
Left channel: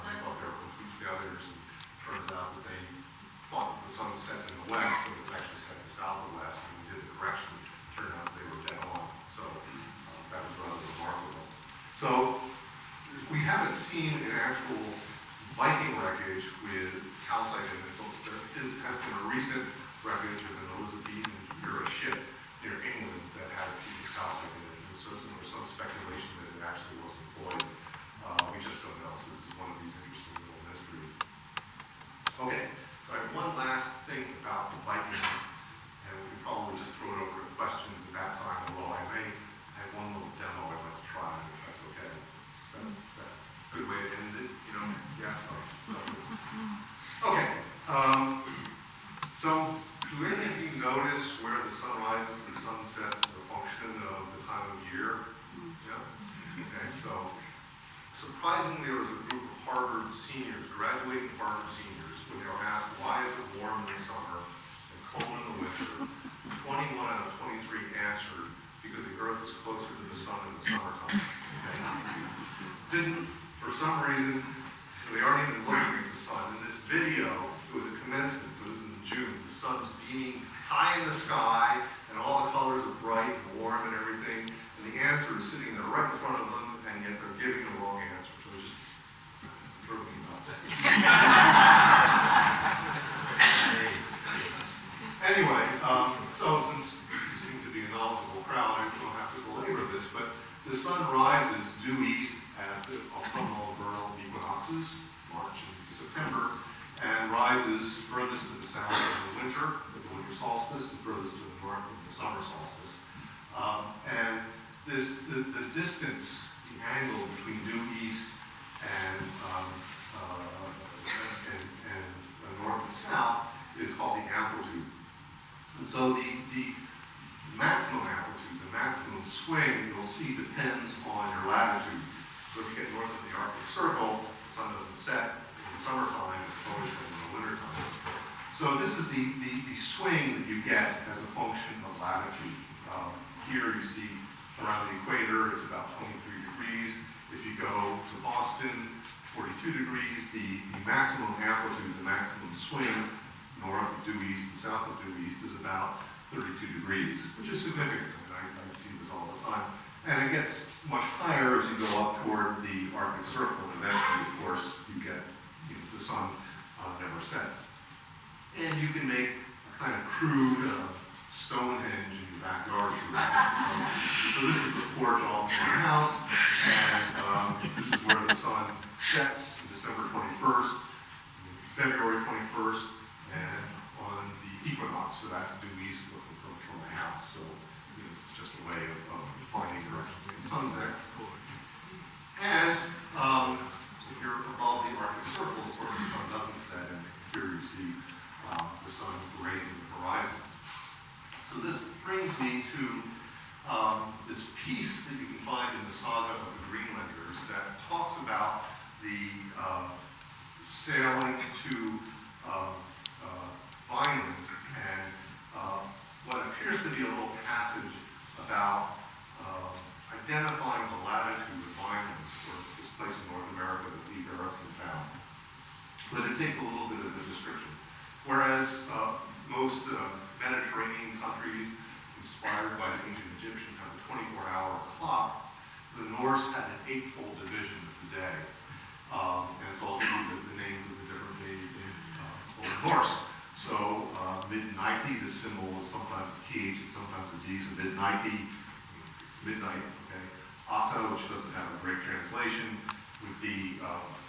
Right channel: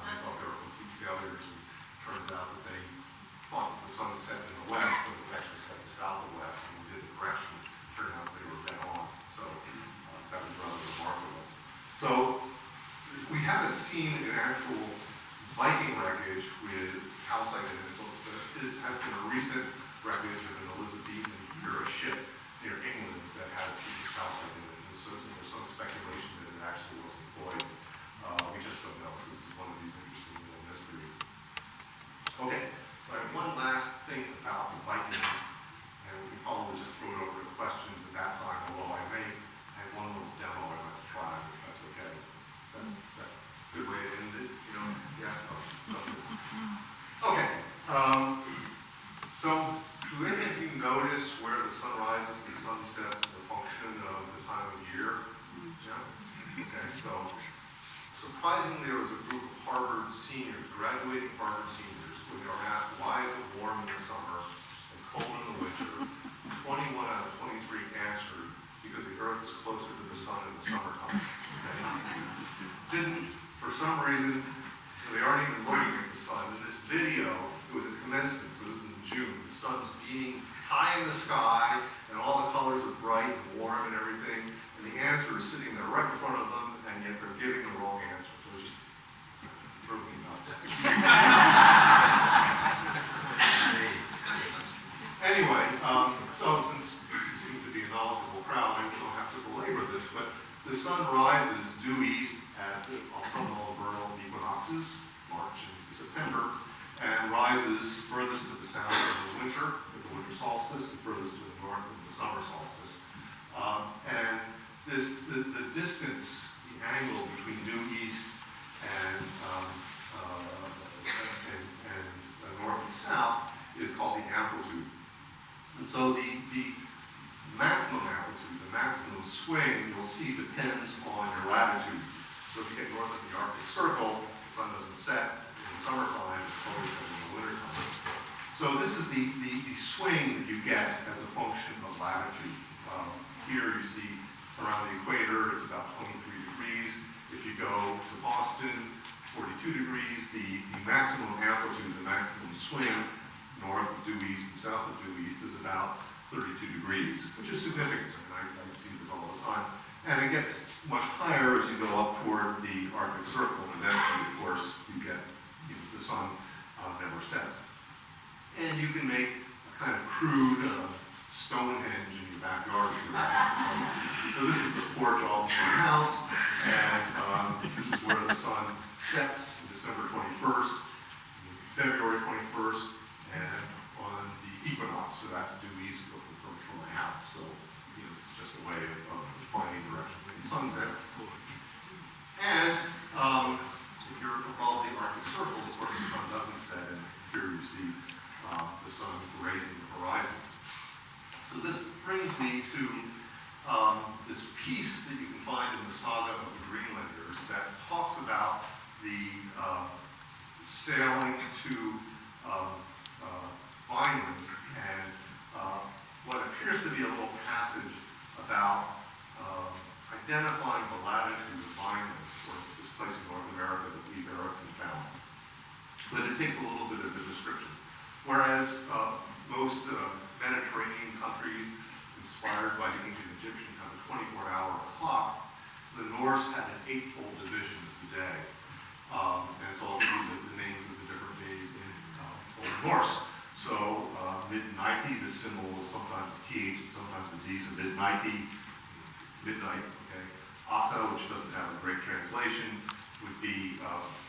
They thought they were complete failures, and it turns out that they thought that the sun set in the west, but it was actually set in south or west, and we did the correction. It turned out that they were dead on. So seen an actual Viking wreckage with calcite in it. Has been a recent wreckage of an Elizabethan era ship near England that had a piece of calcite in it. And so there's some speculation that it actually was employed. We just don't know, so this is one of these interesting little mysteries. Okay, so I have one last thing about the Vikings, and we can probably just throw it over to questions at that time, although I may have one little demo I'd like to try, if that's okay. Is that a good way to end it? You know? Yeah? Oh, okay. So, do any of you notice where the sun rises and sun sets as a function of the time of year? Yeah? Okay, so surprisingly, there was a group of Harvard seniors, graduating Harvard seniors, when they were asked, why is it warm in the summer and cold in the winter? 21 out of 23 answered, because the Earth is closer to the sun in the summertime. Okay? Didn't, for some reason, so they aren't even looking at the sun. In this video, it was a commencement, so it was in June. The sun's beaming high in the sky, and all the colors are bright and warm and everything, and the answer is sitting there right in front of them, and yet they're giving the wrong answer. So it's just drove me nuts. Anyway, so since you seem to be a knowledgeable crowd, I don't have to belabor this, but the sun rises due east at the autumnal and vernal equinoxes, March and September, and rises furthest to the south in the winter, with the winter solstice, and furthest to the north in the summer solstice. And the distance, the angle between due east and north and south is called the amplitude. And so the maximum amplitude, the maximum swing, you'll see depends on your latitude. So if you get north of the Arctic Circle, the sun doesn't set in summertime, it's always set in the wintertime. So this is the swing that you get as a function of latitude. Here you see around the equator, it's about 23 degrees. If you go to Boston, 42 degrees. The maximum amplitude, the maximum swing, north of due east and south of due east, is about 32 degrees, which is significant. I see this all the time. And it gets much higher as you go up toward the Arctic Circle, and eventually, of course, you get the sun never sets. And you can make a kind of crude Stonehenge in your backyard. So this is the porch off my house, and this is where the sun sets, December 21st, February 21st, and on the equinox, so that's due east from the house. So it's just a way of finding direction for the sunset. And if you're above the Arctic Circle, of course the sun doesn't set, and here you see the sun grazing the horizon. So this brings me to this piece that you can find in the Saga of the Greenlanders that talks about the sailing to Vineland and what appears to be a little passage about identifying the latitude of Vineland, or this place in North America that Lee Erickson found. But it takes a little bit of a description. Whereas most Mediterranean countries, inspired by the ancient Egyptians, have a 24-hour clock, the Norse had an 8-fold division of the day. And so I'll give you the names of the different days in Old Norse. So mid-90, the symbol was sometimes the TH and sometimes the D, so mid-90, midnight, okay. Ata, which doesn't have a great translation, would be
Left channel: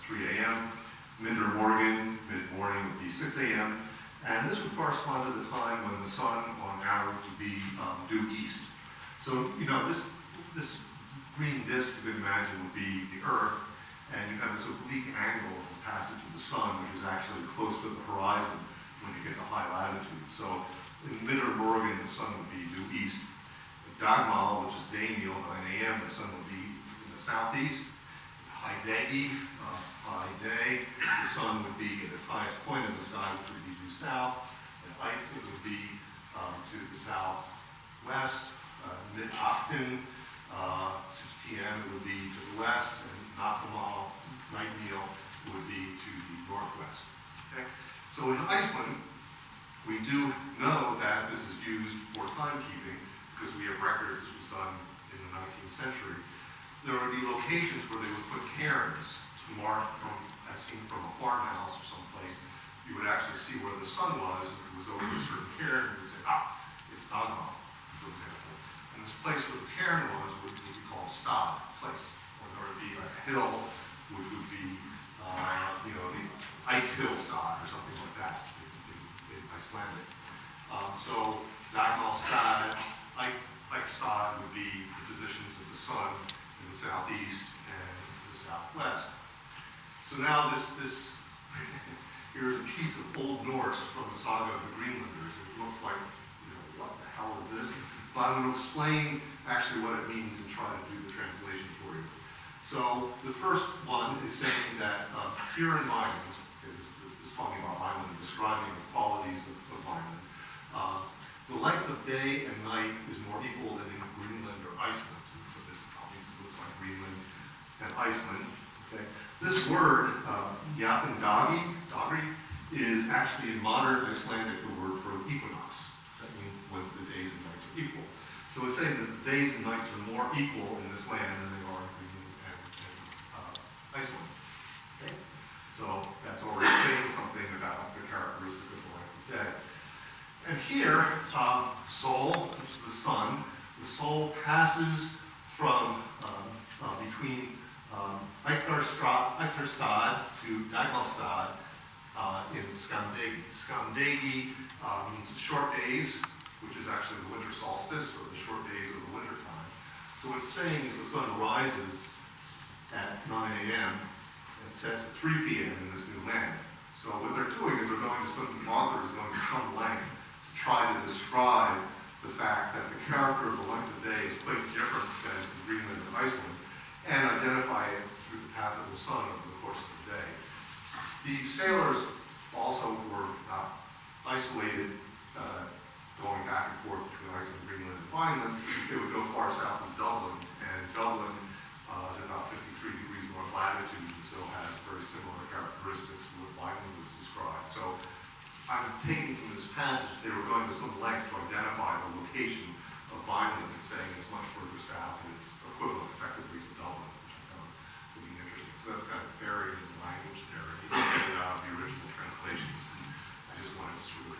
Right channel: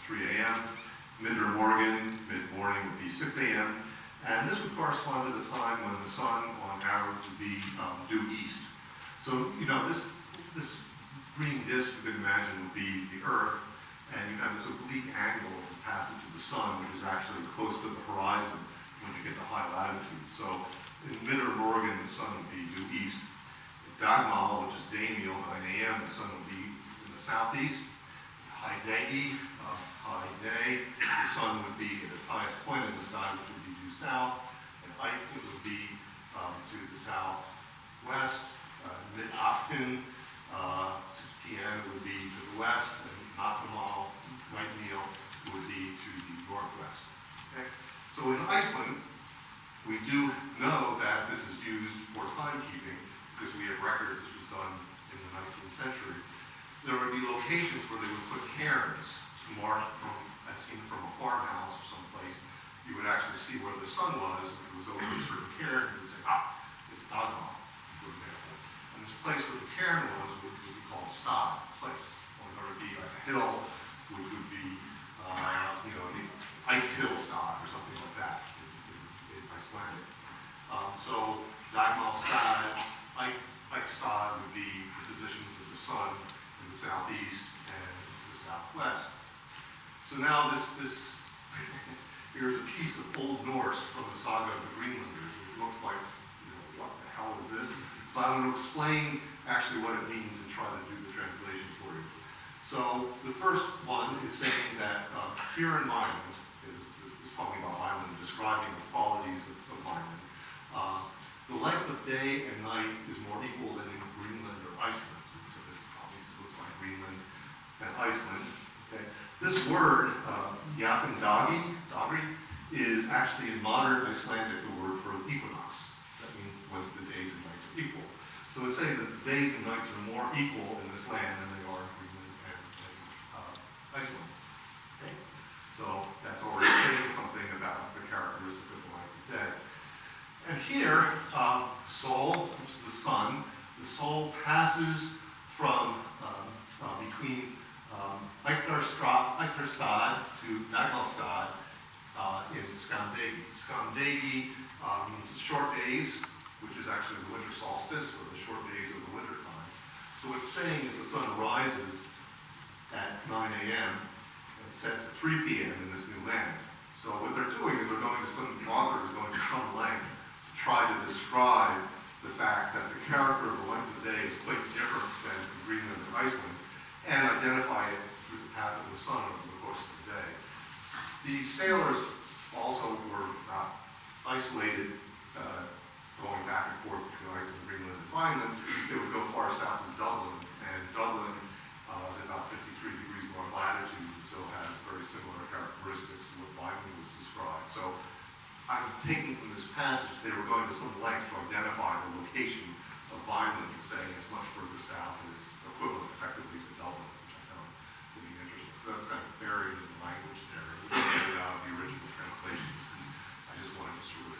3 a.m. Mid-morning would be 6 a.m. And this would correspond to the time when the sun, on average, would be due east. So, this green disk, you can imagine, would be the Earth, and you have this oblique angle of the passage of the sun, which is actually close to the horizon when you get to high latitude. So, in Mid-Oregon, the sun would be due east. At Dagmal, which is Daimiel, 9 a.m., the sun would be in the southeast. High Dagi, high day, the sun would be at its highest point in the sky, which would be due south. And Ike would be to the southwest. Mid-Afton, 6 p.m. would be to the west, and Natamal, night meal, would be to the northwest. Okay? So in Iceland, we do know that this is used for timekeeping because we have records. This was done in the 19th century. There would be locations where they would put cairns to marked from, as seen from a farmhouse or someplace, you would actually see where the sun was. If it was over a certain cairn, you would say, it's Dagmar, for example. And this place where the cairn was would be called a stad place, or there would be like a hill, which would be, the Eichhill stad or something like that in Icelandic. So Dagmar stad, Eichstad would be the positions of the sun in the southeast and the southwest. So now this here's a piece of Old Norse from the saga of the Greenlanders. It looks like, what the hell is this? But I'm going to explain actually what it means and try to do the translation for you. So the first one is saying that here in Vineland, is talking about Vineland, describing the qualities of Vineland. The length of day and night is more equal than in Greenland or Iceland. So this obviously looks like Greenland and Iceland. Okay. This word, Jafndagi, is actually in modern Icelandic the word for equinox. So that means when the days and nights are equal. So it's saying that the days and nights are more equal in this land than they are in Greenland and Iceland. Okay. So that's already saying something about the characteristic of the light and day. And here, Sol, which is the sun, the Sol passes from between Eichterstad to Daglastad in Skandegi. Skandegi means short days, which is actually the winter solstice, or the short days of the winter time. So what it's saying is the sun rises at 9 a.m. and sets at 3 p.m. in this new land. So what they're doing is the author is going to some length to try to describe the fact that the character of the length of the day is quite different than in Greenland and Iceland, and identify it through the path of the sun over the course of the day. The sailors also were not isolated, going back and forth between Iceland, Greenland, and Vineland. They would go far south as Dublin, and Dublin is about 53 degrees north latitude, and so has very similar characteristics to what Vineland was described. So I'm taking from this passage, they were going to some lengths to identify the location of Vineland and saying it's much further south and it's equivalent effectively to Dublin, which I found to be interesting. So that's kind of buried in the language there, out of the original translations. And I just wanted to sort of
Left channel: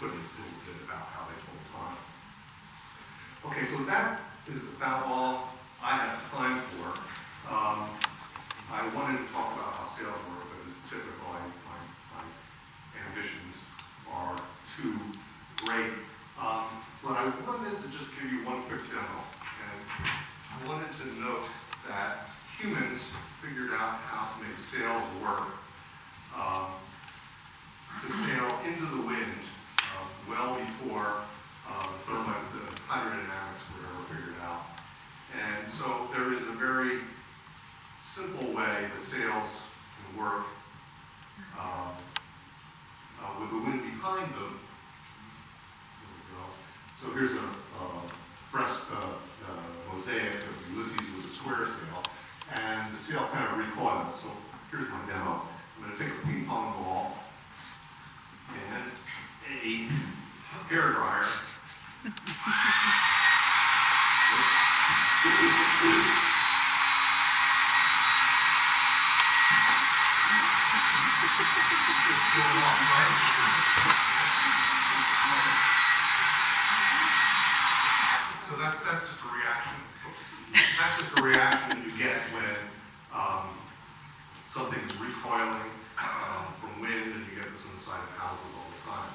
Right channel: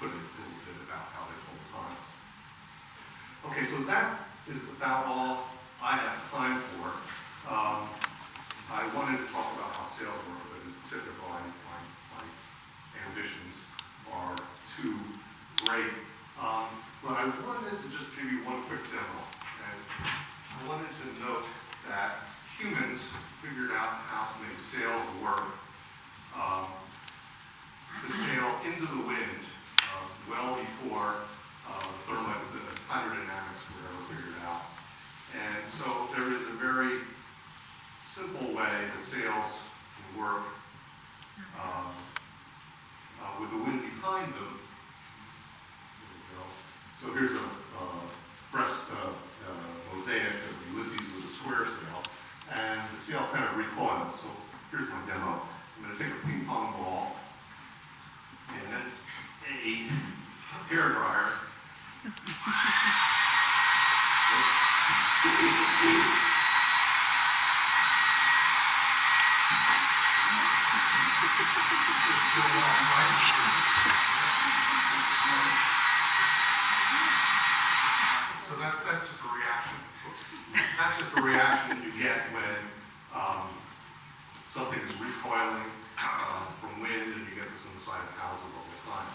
put in a little bit about how they told time. Okay, so that is about all I have time for. I wanted to talk about how sales work, but as typical, my ambitions are too great. But I wanted to just give you one quick demo. And I wanted to note that humans figured out how to make sails work, to sail into the wind well before the hydrodynamics were ever figured out. And so there is a very simple way that sails can work with the wind behind them. There we go. So here's a mosaic of Ulysses with a square sail, and the sail kind of recoils. So here's my demo. I'm going to take a ping pong ball and a hair dryer. So that's just a reaction. That's just a reaction you get when something is recoiling from wind, and you get this on the side of houses all the time.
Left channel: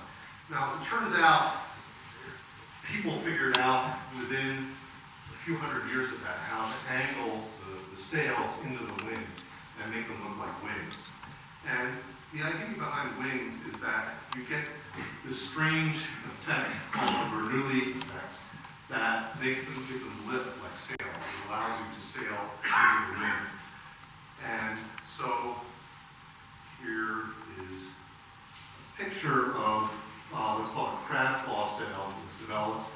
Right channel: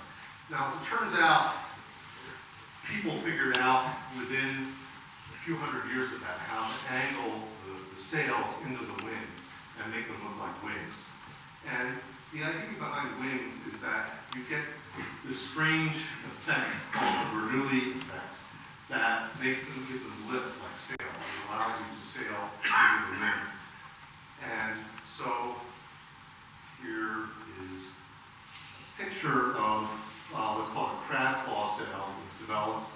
Now, as it turns out, people figured out within a few hundred years of that how to angle the sails into the wind and make them look like wings. And the idea behind wings is that you get this strange effect called the Bernoulli effect that gives them lift like sails. It allows you to sail into the wind. And so here is a picture of what's called a crab claw sail. It was developed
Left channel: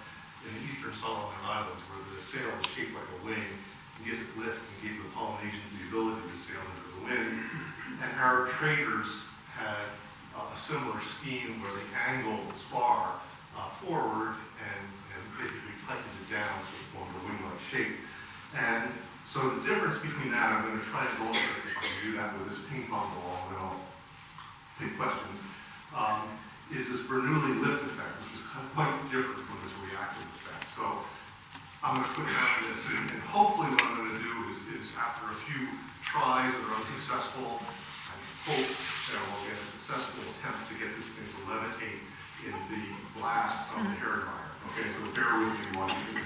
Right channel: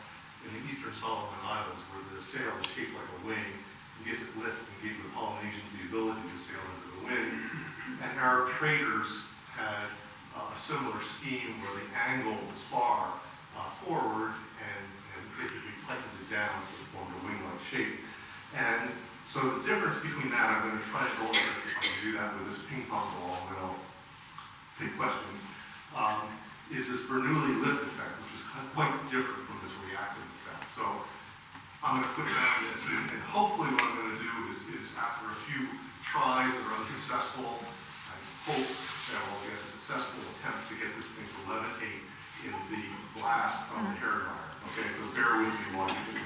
in the Eastern Solomon Islands, where the sail is shaped like a wing and gives it lift and gave the Polynesians the ability to sail into the wind. And Arab traders had a similar scheme where they angled the spar forward and basically tightened it down to form a wing-like shape. And So the difference between that, I'm going to try to go over if I can do that with this ping pong ball, and then I'll take questions, is this Bernoulli lift effect, which is quite different from this reactive effect. So I'm going to put down this, and hopefully what I'm going to do is after a few tries that are unsuccessful, I hope that we'll get a successful attempt to get this thing to levitate in the blast of the hair dryer. Okay, so bear with me while you